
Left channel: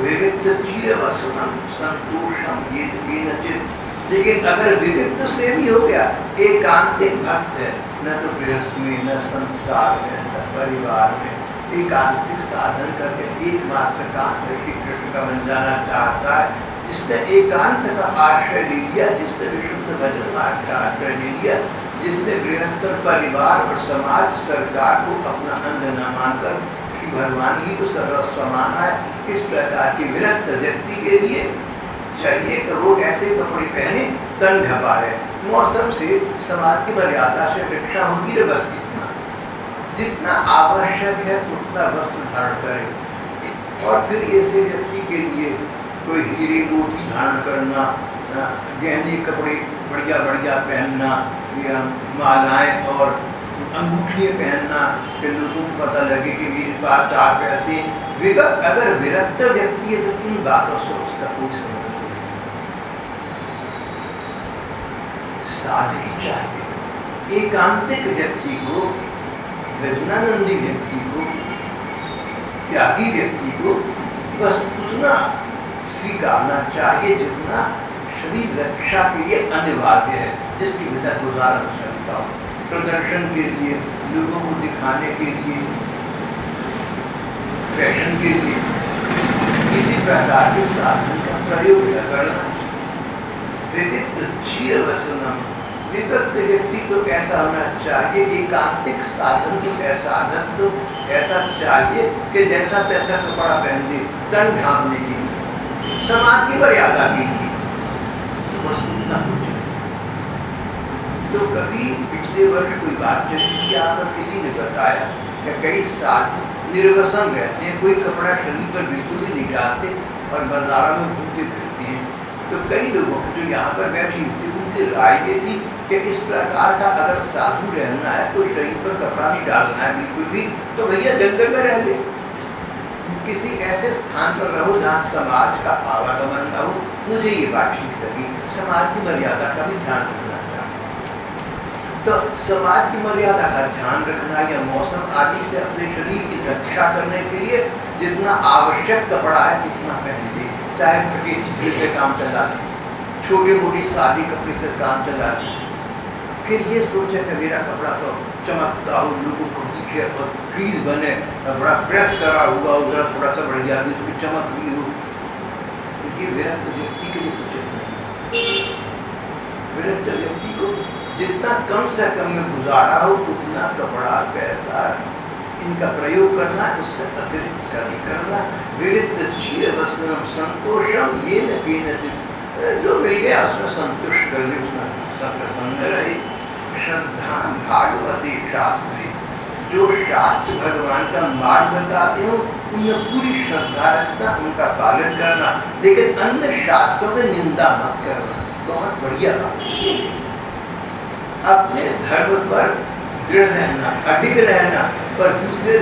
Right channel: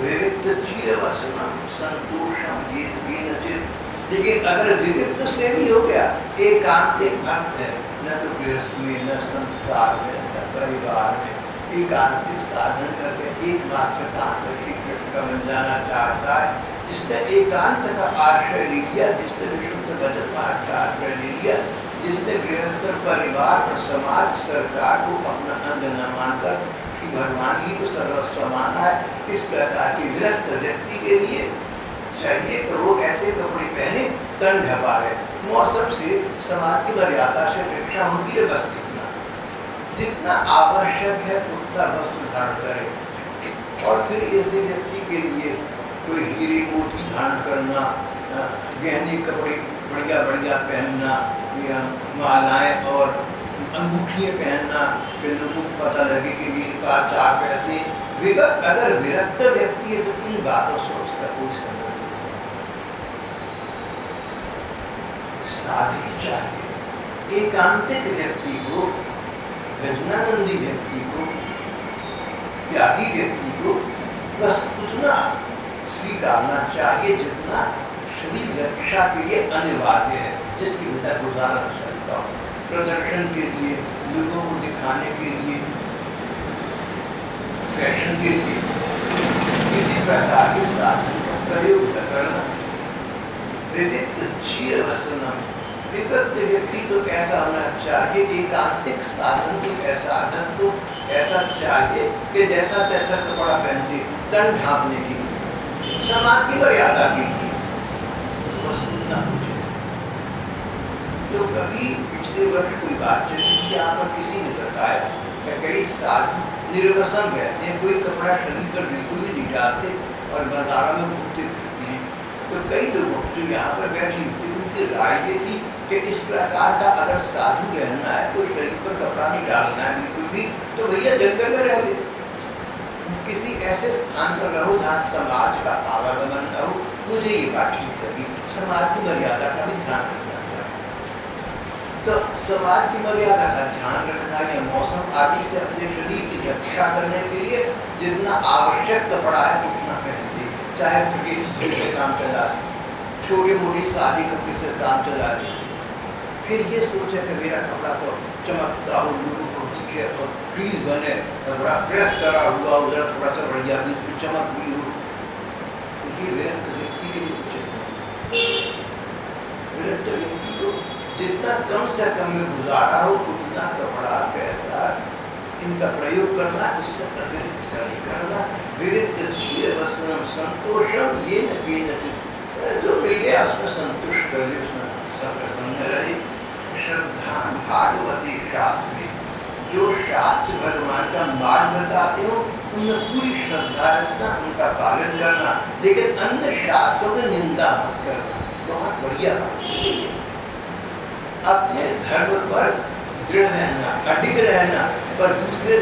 विविक्त चीर वसनम संतोषम ये केनचित्, देखिए अगर विविक्त से भी हो गया, एकांतिक भक्त है, न तो गृहस्थ में, न संसार में, न परिवार में, एकांतिक साधन करके एकमात्र कांत श्री कृष्ण का बन जाना चाहता है, जिसने एकांत का आश्रय ले लिया, जिसने विशुद्ध भजन मार्ग का आश्रय ले लिया, जिसने गृहस्थ परिवार और समाज सरकार को अपना अंग न मानकर श्री भगवान ही को सर्वस्व माना है, इस प्रकार के विरक्त व्यक्ति के लिए चाहिए कि वो ऐसे कपड़े पहने तन ढपा रहे, मौसम से, समाज की मर्यादा से रक्षा होती रहे, बस इतना, जितना आवश्यक है उतना वस्त्र धारण करें। और फिर ऐसे व्यक्ति के लिए कोई हीरे मोती धारण करना, गहने कपड़े बढ़िया बढ़िया पहनना, या मालाएं और अंगूठियाँ पहनना कि लोगों को पता लगे कि मेरे पास 4 पैसे। अगर विरक्त व्यक्ति है तो इन बातों से उसका कोई संबंध नहीं। सादगी चाहिए एकांतिक व्यक्ति को, भजनानंदी व्यक्ति को, त्यागी व्यक्ति को बस उतना स्वीकारना चाहिए जितना शरीर रक्षा के लिए अनिवार्य है, जिसके बिना गुजारा न सकता हो। प्रदर्शन के लिए, लोगों को दिखाने के लिए, फैशन के लिए किसी प्रकार के साधन का प्रयोग न करना। विविक्त चीर वसनम, विविक्त व्यक्ति तो ऐसा होना चाहिए, एकांतिक साधन तो ऐसा चाहिए कि जैसा तैसा कपड़ा पहन दे तन ढांपने के लिए, समाज की मर्यादा के लिए, तो बस उतना उचित है। तो कभी पिछले वर्ष कोई बात चली थी, यहाँ पर किसी ने बताया कि कई साधु निर्वसन रहते हैं, कोई कपड़ा शरीर पर बिल्कुल भी नहीं डालते और बाजारों में घूमते फिरते हैं। तो कई लोगों की जो यहाँ पर बैठी होती, उनकी राय ये थी कि इस प्रकार का अगर साधु रहना है, कोई शरीर पर कपड़ा नहीं डालना है बिल्कुल भी, तो भैया जंगल में रह ले, किसी ऐसे स्थान पर रहो जहाँ समाज का आवागमन न हो। मुझे ये बात ठीक लगी, समाज की मर्यादा का भी ध्यान रखना चाहिए। तो समाज की मर्यादा का ध्यान रखना या मौसम आदि से अपने शरीर की रक्षा करने के लिए जितना आवश्यक कपड़ा है उतना पहन ले, चाहे फटे चिथड़े से काम चला ले, छोटे मोटे सादे कपड़े से काम चला ले। फिर ये सोचे कि मेरा कपड़ा तो चमकता हो, लोगों को दिखे और क्रीज बने और बड़ा प्रेस करा हुआ हो, जरा थोड़ा सा बढ़िया भी, उसकी चमक भी हो। तो ये विरक्त व्यक्ति के लिए उचित नहीं। विरक्त व्यक्ति को जितना कम से कम में गुजारा हो उतना कपड़ा पैसा इनका प्रयोग करना, उससे अतिरिक्त का नहीं करना। विविध चीर वस्त्रम संतोषम ये न केनचित्, जो मिल गया उसमें संतुष्ट कर ले, उसमें सत्संग रहे। श्रद्धा भागवती शास्त्री, जो शास्त्र भगवान का मार्ग बताते हो उनमें पूरी श्रद्धा रखना, उनका पालन करना, लेकिन अन्य शास्त्रों की निंदा मत करना। बहुत बढ़िया बात है। अपने धर्म पर दृढ़ रहना, अडिग रहना, पर दूसरे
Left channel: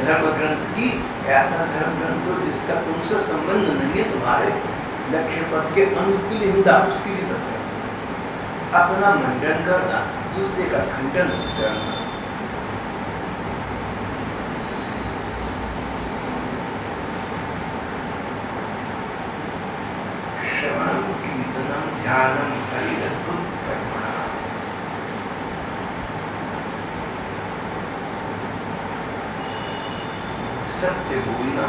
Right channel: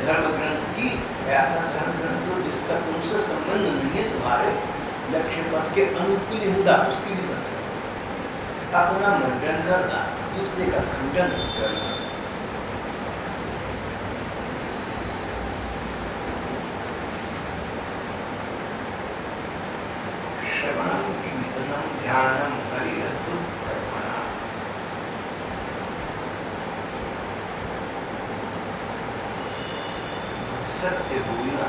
धर्म ग्रंथ की, ऐसा धर्म ग्रंथ हो जिसका तुमसे संबंध नहीं है, तुम्हारे लक्ष्य पथ के अनुकूल निंदा उसकी भी बता। अपना मंडन करना, दूसरे का खंडन करना। श्रवणम कीर्तनम ध्यानम हरिरद्भुत कर्मणा। सत्य बोलना,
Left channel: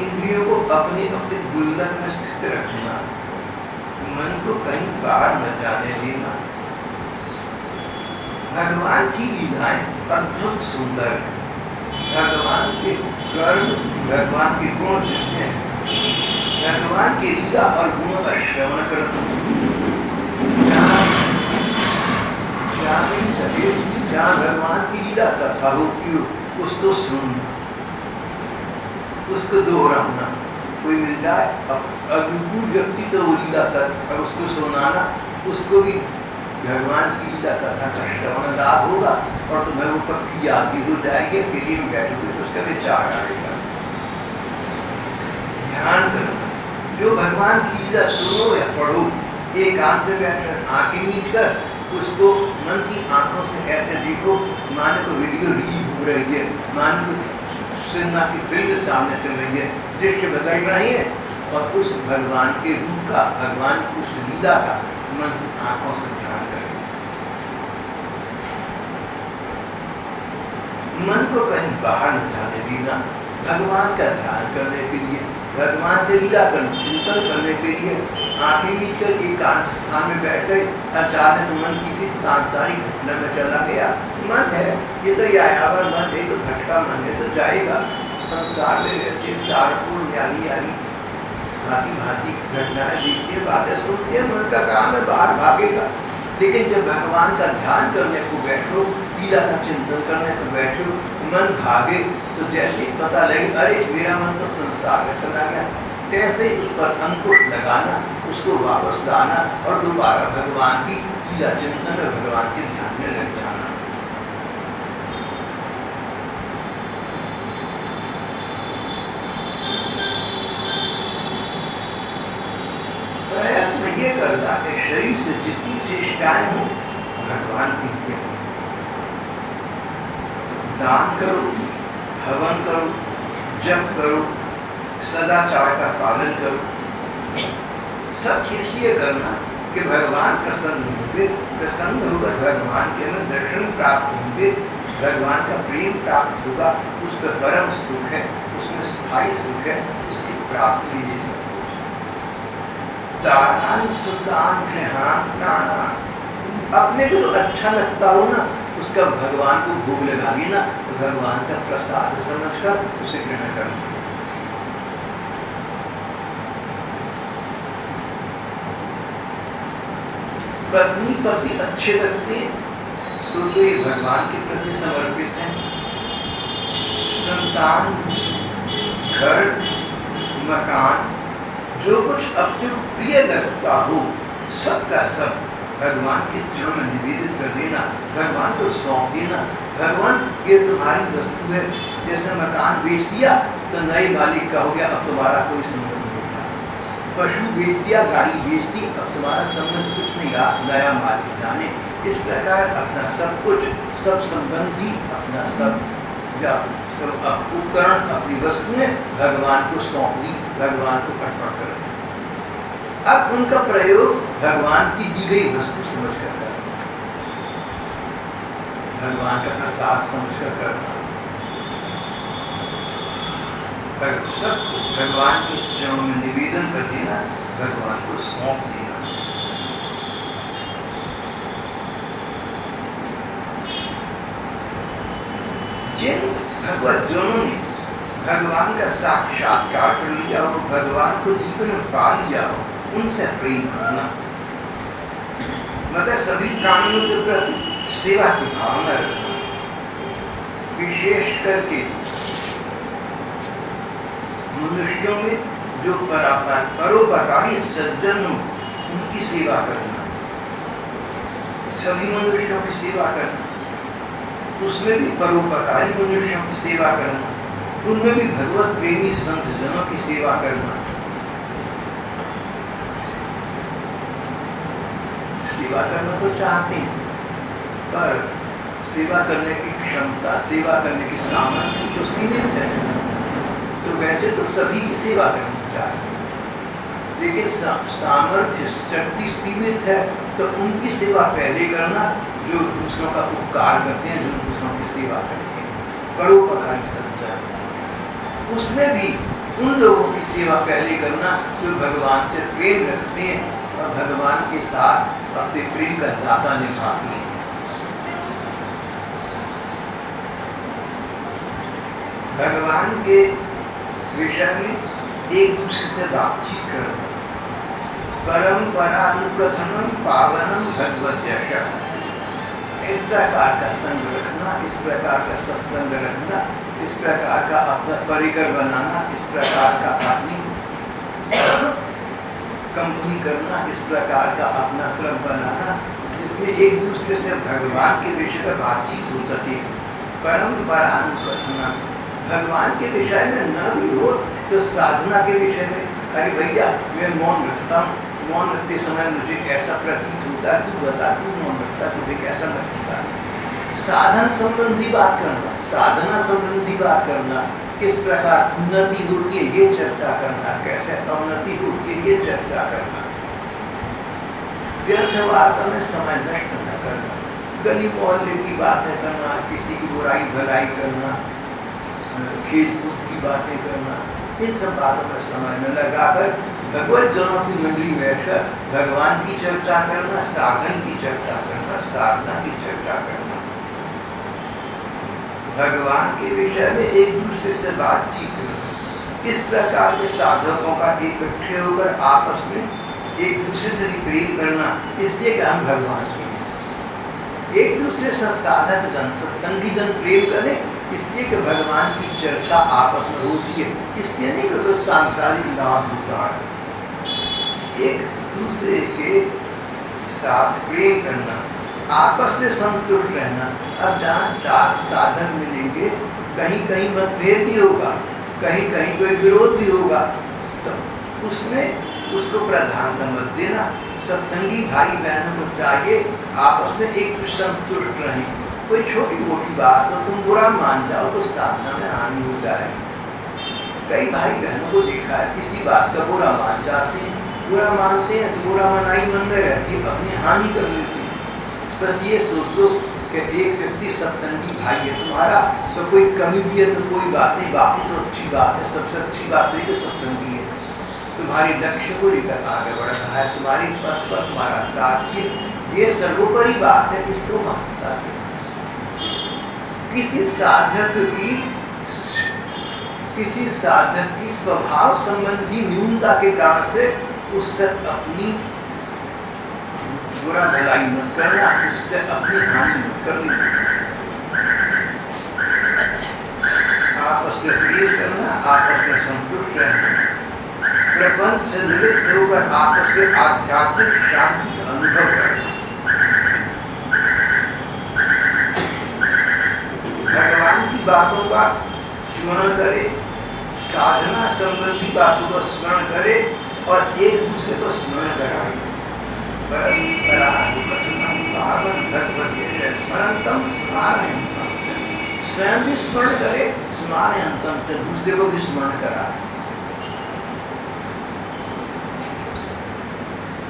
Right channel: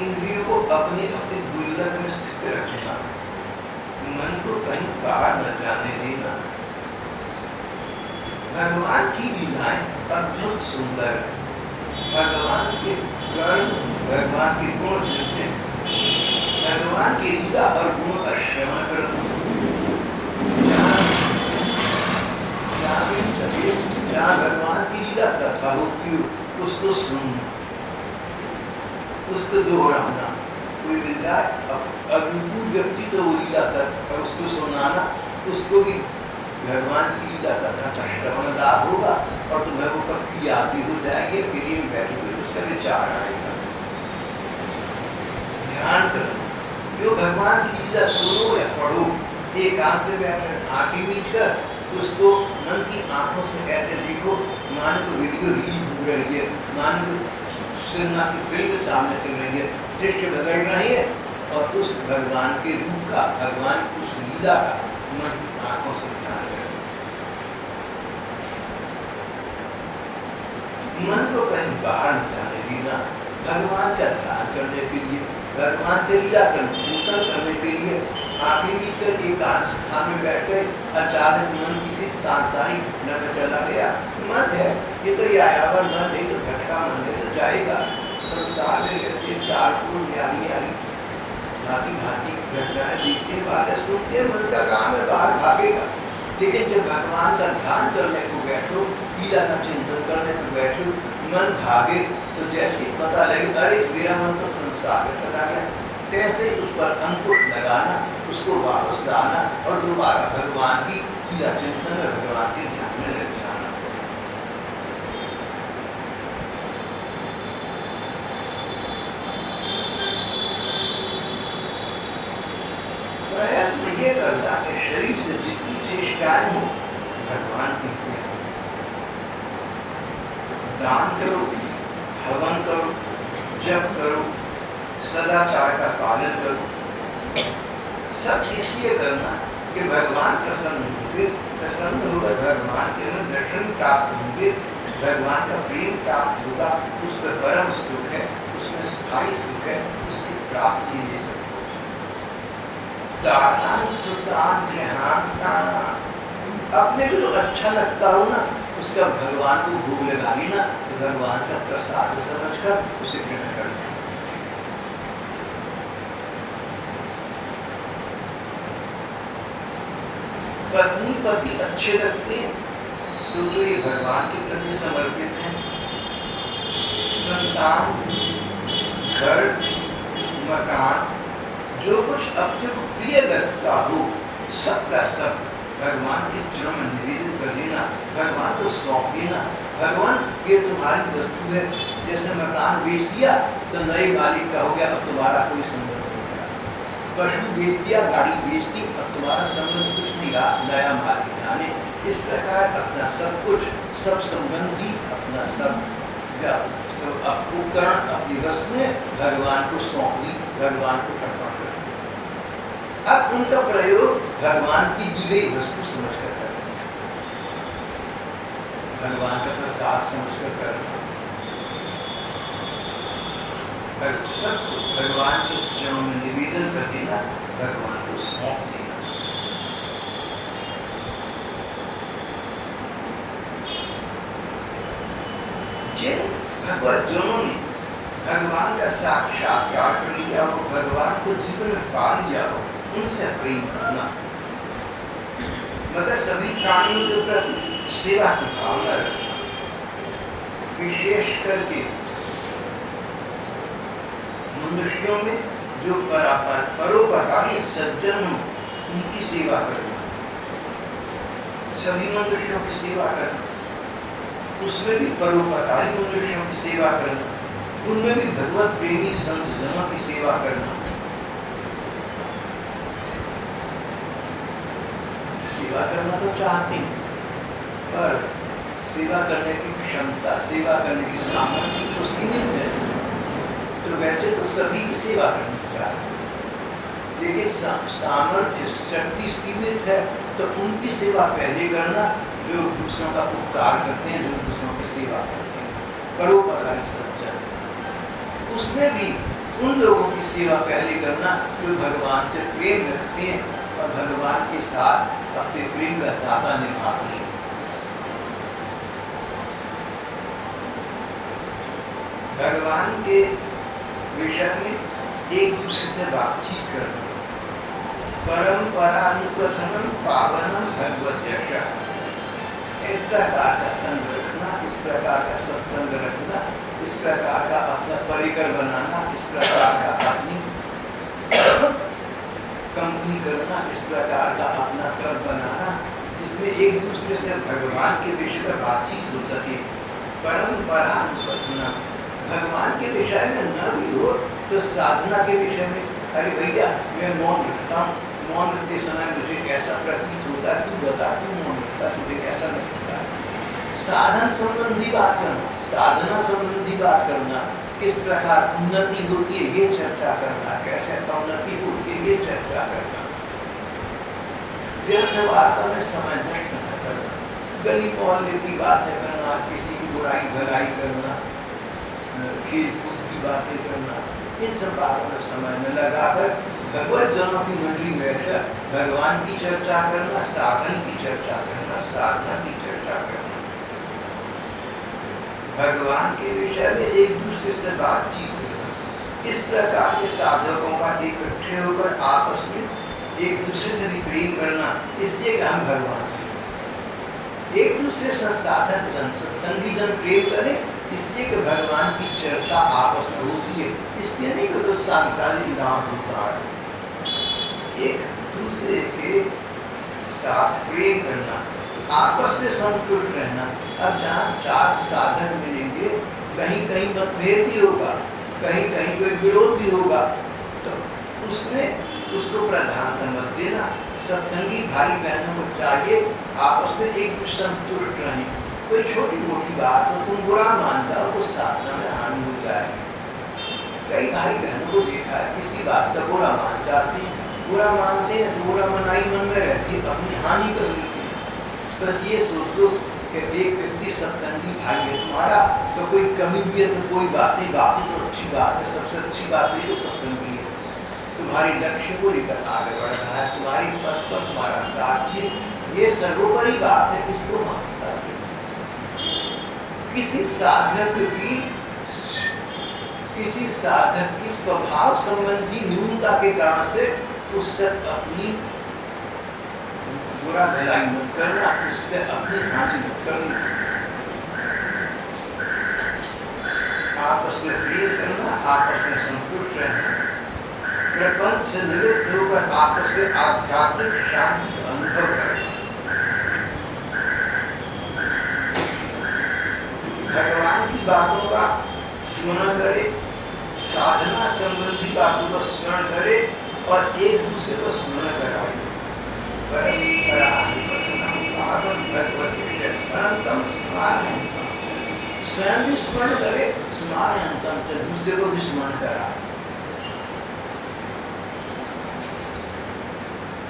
इंद्रियों को अपनी अपनी गुल्लक में स्थित रखना, मन को कहीं बाहर न जाने देना। भगवान की लीलाएं अद्भुत सुंदर है। भगवान के कर्म, भगवान के गुण जिनके, भगवान की लीला और गुणों का श्रवण करो। जहाँ भगवान की लीला कथा होती हो उसको सुनना, उसको दोहराना। कोई मिल जाए अनुकूल व्यक्ति तो वो लीला तक और उसको सुनाना, उसको भी भगवान की लीला कथा का श्रवण लाभ होगा और तुम्हें वो पक्की याद भी हो जाएगी। अकेले में बैठोगे तो उसका विचार आएगा। ध्यान करना, जो भगवान की लीला सुनो या पढ़ो, एकांत में बैठकर आंखें मीच कर उसको मन की आंखों से ऐसे देखो माने को वीडियो रील घूम रही है, माने को सिनेमा की फिल्म सामने चल रही है, दृश्य बदल रही है, और उस भगवान के रूप का, भगवान की उस लीला का मन की आंखों से ध्यान करें। मन को कहीं बाहर न जाने देना। भगवान का ध्यान करने के लिए, भगवान के लीला का चिंतन करने के लिए आंखें मीच कर एकांत स्थान में बैठ गए। अचानक मन किसी सांसारिक घटना में चला गया। मन है ये तो यायावर मन है, तो भटका मन है, तो जाएगा। संसार में रहते चारपुर न्यारी यारी भांति भांति की घटनाएं देखते, बातें सुनते, मन का काम है बाहर भागेगा। लेकिन जब भगवान का ध्यान करने को बैठो, लीला का चिंतन करने को बैठो, मन भागे तो जैसे पता लगे अरे मेरा मन तो संसार में चला गया, कैसे उस पर अंकुश लगाना, उसको वापस लाना और दोबारा भगवान की लीला चिंतन में, भगवान के ध्यान में लग जाना। प्रयत्न ये करता कि शरीर से जितनी चेष्टाएं हों भगवान की हों। दान करो, हवन करो, जप करो, सदाचार का पालन करो। सब इसलिए करना कि भगवान प्रसन्न होंगे, प्रसन्न होकर भगवान के में दर्शन प्राप्त होंगे, भगवान का प्रेम प्राप्त होगा, उस पर परम सुख है, उसमें स्थायी सुख है, उसकी प्राप्ति ये सब कुछ। दानान सुतान गृहान प्राणान, अपने को जो अच्छा लगता हो ना उसका भगवान को भोग लगा देना, तो भगवान का प्रसाद समझकर उसे ग्रहण करना। पत्नी पति अच्छे लगते, सोचो ये भगवान के प्रति समर्पित हैं। संतान, घर, मकान, जो कुछ अपने को प्रिय लगता हो सबका सब भगवान के चरणों में निवेदित कर देना, भगवान को सौंप देना। भगवान ये तुम्हारी वस्तु है। जैसे मकान बेच दिया तो नए मालिक का हो गया, अब तुम्हारा कोई संबंध नहीं रहा। पशु बेच दिया, गाड़ी बेच दी, अब तुम्हारा संबंध कुछ नहीं रहा, नया मालिक जाने। इस प्रकार अपना सब कुछ, सब संबंधी, अपना सब उपकरण, अपनी वस्तुएं भगवान को सौंप दी, भगवान को अर्पण कर। अब उनका प्रयोग भगवान की दी गई वस्तु समझकर करना, भगवान का प्रसाद समझकर करना, सब भगवान के चरणों में निवेदन कर देना, भगवान को सौंप देना। भगवत जनों ने भगवान का साक्षात्कार कर लिया हो, भगवान को जीवन में पा लिया हो, उनसे प्रेम करना, मगर सभी प्राणियों के प्रति सेवा की भावना रखना, विशेष करके मनुष्यों में जो परोपकारी सज्जन, उनकी सेवा करना, सभी मनुष्यों की सेवा करना, उसमें भी परोपकारी मनुष्यों की सेवा करना, उनमें भी भगवत प्रेमी संत जनों की सेवा करना। सेवा करना तो चाहते हैं, पर सेवा करने की क्षमता, सेवा करने की सामर्थ्य तो सीमित है। तो वैसे तो सभी की सेवा करनी चाहिए, लेकिन सामर्थ्य शक्ति सीमित है, तो उनकी सेवा पहले करना जो दूसरों का उपकार करते हैं, जो दूसरों की सेवा करते हैं, परोपकारी सज्जन। उसमें भी उन लोगों की सेवा पहले करना जो भगवान से प्रेम रखते हैं और भगवान के साथ अपने प्रेम का दाता निभाते हैं। भगवान के विषय में एक दूसरे से बातचीत करना, परंपरानुकथनम पावनम भगवत यश, इस प्रकार का संग रखना, इस प्रकार का सत्संग रखना, इस प्रकार का अपना परिकर बनाना, इस प्रकार का अपनी कंपनी करना, इस प्रकार का अपना क्लब बनाना, जिसमें एक दूसरे से भगवान के विषय पर बातचीत हो सके। परंपरानुकथनम, भगवान के विषय में न भी हो तो साधना के विषय में, अरे भैया मैं मौन रखता हूँ, मौन रखते समय मुझे ऐसा प्रतीत होता, तू बता, तू मौन रखता, तुझे कैसा लगता है। साधन संबंधी बात करना, साधना संबंधी बात करना, किस प्रकार उन्नति होती है ये चर्चा करना, कैसे अवनति होती है ये चर्चा करना। व्यर्थ वार्ता में समय नष्ट न करना, गली मोहल्ले की बातें करना, किसी की बुराई भलाई करना, खेल कूद की बातें करना, इन सब बातों में समय न लगाकर भगवत जनों की मंडली बैठकर भगवान की चर्चा करना, साधन की चर्चा करना, साधना की चर्चा करना, भगवान के विषय में एक दूसरे से बातचीत करना। इस प्रकार के साधकों का इकट्ठे होकर आपस में एक दूसरे से भी प्रेम करना, इसलिए कि हम भगवान के एक दूसरे से साधक जन, सत्संगी जन प्रेम करें, इसलिए कि भगवान की चर्चा आपस में होती है, इसलिए नहीं कि कुछ सांसारिक लाभ होता है। एक दूसरे के साथ प्रेम करना, आपस में संतुष्ट रहना। अब जहाँ चार साधक मिलेंगे, कहीं कहीं मतभेद भी होगा, कहीं कहीं कोई विरोध भी होगा, तो उसमें उसको प्राधान्यता मत देना। सत्संगी भाई बहनों को चाहिए आपस में एक संतुष्ट रहें। कोई छोटी मोटी बात हो तुम बुरा मान जाओ तो साधना में हानि हो जाए। कई भाई बहनों को देखा है किसी बात का बुरा मान जाते हैं, बुरा मानते हैं तो बुरा मनाई मन में रहती है, अपनी हानि कर लेते हैं। बस ये सोच लो कि एक व्यक्ति सत्संगी भाई है तुम्हारा, तो कोई कमी भी है तो कोई बात नहीं, बाकी तो अच्छी बात है। सबसे अच्छी बात है कि सत्संगी है, तुम्हारे लक्ष्य को लेकर आगे बढ़ रहा है, तुम्हारी पथ पर तुम्हारा साथ है, ये सर्वोपरि बात है, इसको मानता है। किसी साधक की स्वभाव संबंधी न्यूनता के कारण से उससे अपनी बुरा भलाई मत करना, उससे अपनी हानि मत करनी। आपस में प्रेम करना, आपस में संतुष्ट रहना, प्रपंच से निवृत्त होकर आपस में आध्यात्मिक शांति का अनुभव करना। भगवान की बातों का स्मरण करे, साधना संबंधी बातों को स्मरण करे और एक दूसरे को स्मरण कराए। परस्परानुकथनम पावनं भगवत यश स्मरन्तम स्मारयन्तम, स्वयं भी स्मरण करे, स्मारयन्तम, तो दूसरे को भी स्मरण कराए।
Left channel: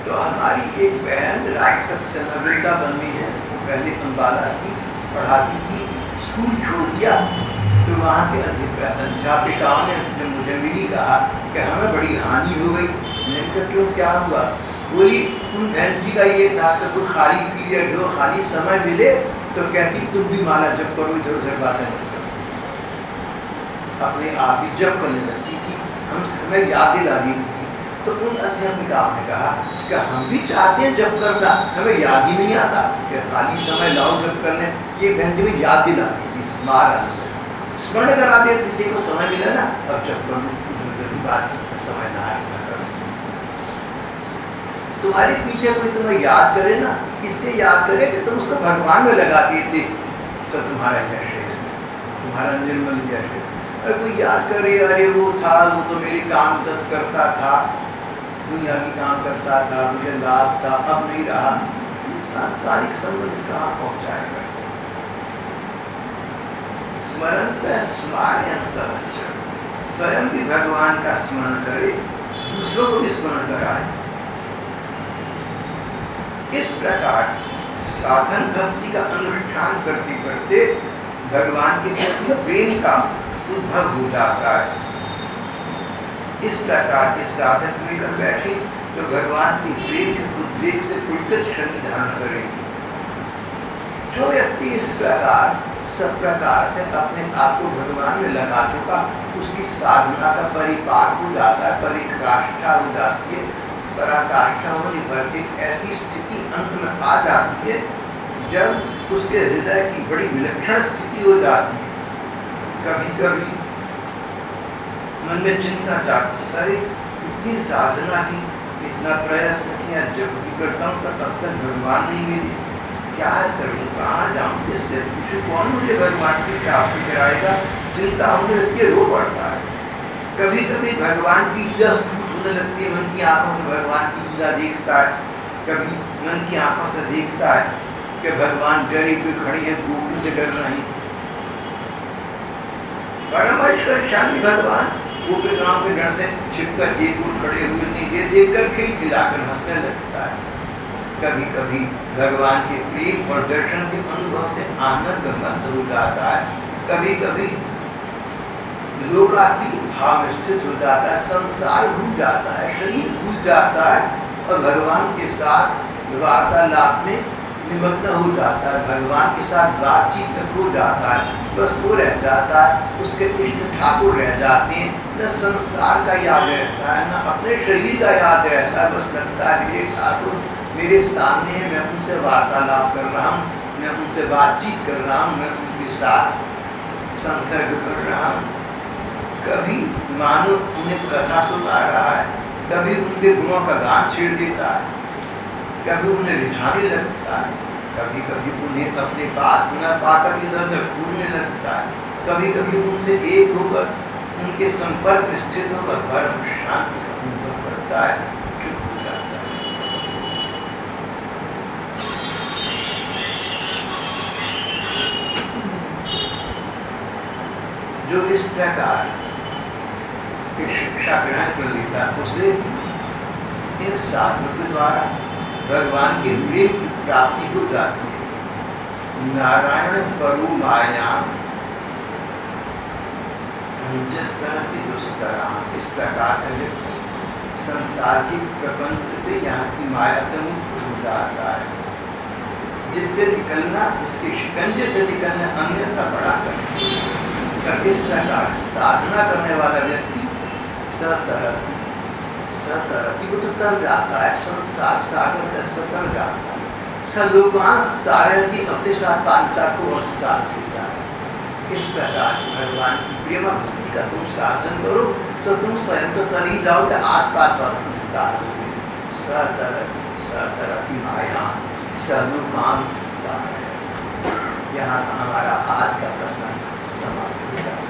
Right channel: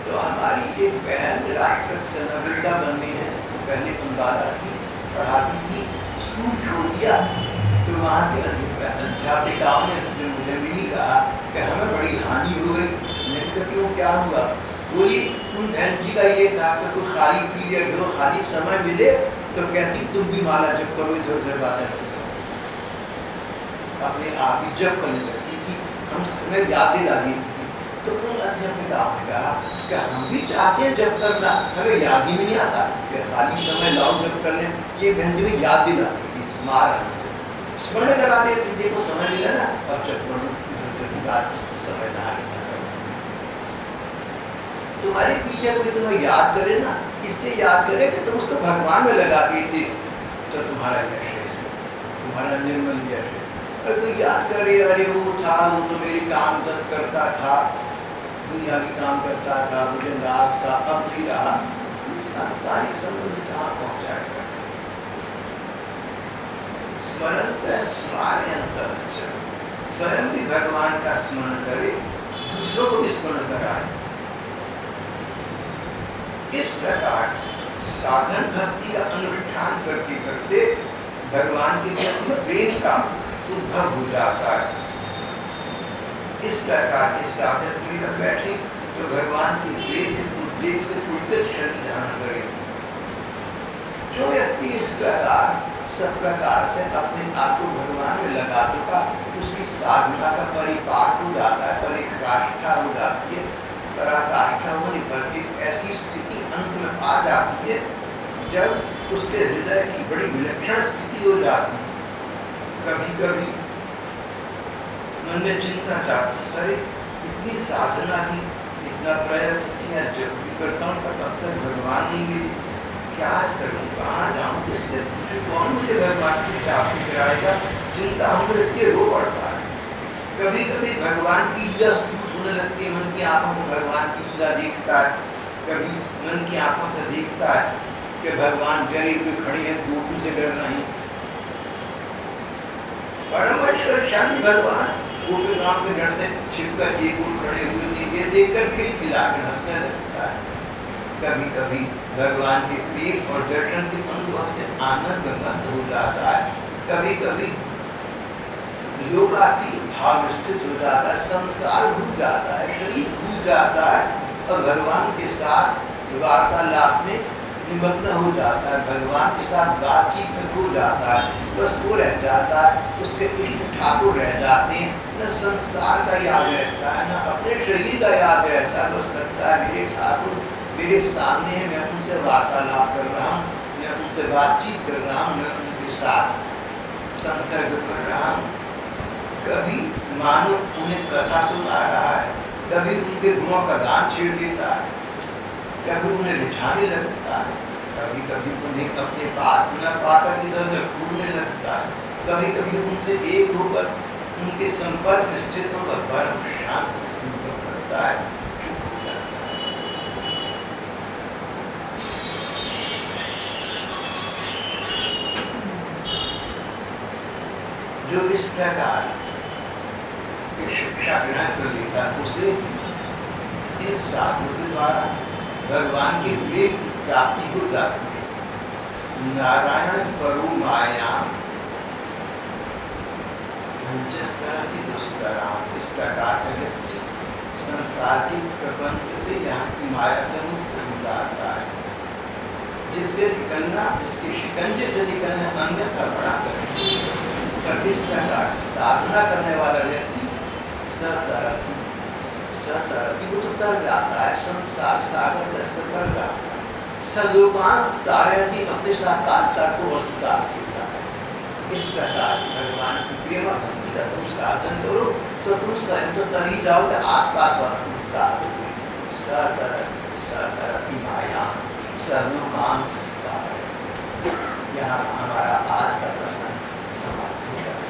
तो हमारी एक बहन राजसक वृंदावन में है, वो पहले अम्बाला थी, पढ़ाती थी, स्कूल छोड़ दिया। तो वहाँ के अध्यापिकाओं ने जब मुझे मिली कहा कि हमें बड़ी हानि हो गई। मैंने कहा क्यों, क्या हुआ? बोली तुम बहन जी का ये था कि कोई खाली पीरियड हो, खाली समय मिले तो कहती तुम भी माला जप करो, इधर उधर बातें मत करो। अपने आप ही जप करने लगती थी, हमें याद दिला देती थी। तो उन अध्यापिकाओं ने कहा कि हम भी चाहते हैं जप करना, हमें याद ही नहीं आता कि खाली समय लाओ जप करने। ये बहन जी में याद दिलाती थी, स्मरण करा देती थी, देखो समय मिला ना अब जप कर लो, इधर उधर की बात समय ना आए। तुम्हारे पीछे कोई तुम्हें याद करे ना, इससे याद करे कि तुम उसको भगवान में लगाती थी, तो तुम्हारा यश है इसमें, तुम्हारा निर्मल यश है। और कोई याद करे अरे वो था, वो तो मेरी काम दस करता था, दुनिया भी काम करता था, मुझे लाभ था, अब नहीं रहा, सांसारिक संबंध कहाँ पहुँचाएगा। स्मरंत स्मारयंत, स्वयं भी भगवान का स्मरण करे, दूसरों को भी स्मरण कराए। इस प्रकार साधन भक्ति का अनुष्ठान करते करते भगवान के प्रति प्रेम का उद्भव हो जाता है। इस प्रकार के साधक मिलकर बैठे तो भगवान के प्रेम के उद्वेग से पुलकित शरीर धारण करेंगे। जो व्यक्ति इस प्रकार सब प्रकार से अपने आप को भगवान में लगा चुका, उसकी साधना का परिपाक हो जाता है, परिकाष्ठा हो जाती है। पराकाष्ठा होने पर एक ऐसी स्थिति अंत में आ जाती है जब उसके हृदय की बड़ी विलक्षण स्थिति हो जाती है। कभी कभी मन में चिंता जागती, अरे इतनी साधना की, इतना प्रयत्न किया, जब भी करता हूँ पर अब तक भगवान नहीं मिले, क्या करूँ, कहाँ जाऊँ, किससे पूछूँ, कौन मुझे भगवान की प्राप्ति कराएगा। चिंता होने लगती है, रो पड़ता है। कभी कभी भगवान की लीला होने लगती है, मन की आंखों से भगवान की लीला देखता है। कभी मन की आंखों से देखता है कि भगवान डरे हुए खड़े हैं, गोकुल से डर रहे। परमेश्वरशाली भगवान गोपिकाओं के डर से छिपकर एक ओर खड़े हुए थे, ये देखकर खिलखिलाकर हंसने लगता है। कभी कभी भगवान के प्रेम और दर्शन के अनुभव से आनंद मग्न हो जाता है। कभी कभी लोकातीत भाव में स्थित हो जाता है, संसार भूल जाता है, शरीर भूल जाता है और भगवान के साथ वार्तालाप में निमग्न हो जाता है, भगवान के साथ बातचीत में खो जाता है। बस वो रह जाता है, उसके इष्ट ठाकुर रह जाते हैं। न संसार का याद रहता है, न अपने शरीर का याद रहता है। बस लगता है मेरे ठाकुर मेरे सामने है, मैं उनसे वार्तालाप कर रहा हूँ, मैं उनसे बातचीत कर रहा हूँ, मैं उनके साथ संसर्ग कर रहा हूँ। कभी मानो उन्हें कथा सुना रहा है, कभी उनके गुणों का गान छेड़ देता है, कभी उन्हें रिझाने लगता है, कभी कभी उन्हें अपने पास न पाकर इधर उधर कूदने लगता है, कभी कभी उनसे एक होकर उनके संपर्क में स्थित होकर परम शांति का अनुभव करता है, चुप हो जाता है। जो इस प्रकार शिक्षा ग्रहण कर लेता है, उसे इन साधनों के द्वारा भगवान के प्रेम की प्राप्ति हो जाती है। नारायण परो माया दुस्तरा, इस प्रकार का व्यक्ति संसार के प्रपंच से, यहाँ की माया से मुक्त हो जाता है। जिससे निकलना, जिसके शिकंजे से निकलना अन्यथा बड़ा कर इस प्रकार साधना करने वाला व्यक्ति सतरती, सतरती वो तो तर जाता है, संसार सागर से तर जाता है। सर्लोकांश तारती अपने साथ पांचार को उतार देता है। इस प्रकार भगवान की प्रेम भक्ति का तुम साधन करो तो तुम स्वयं तो तर ही जाओगे, आसपास वालों को उतार दोगे। सतरती, सतरती माया सर्लोकांश तारती। यहाँ हमारा आज का प्रसंग समाप्त हो गया।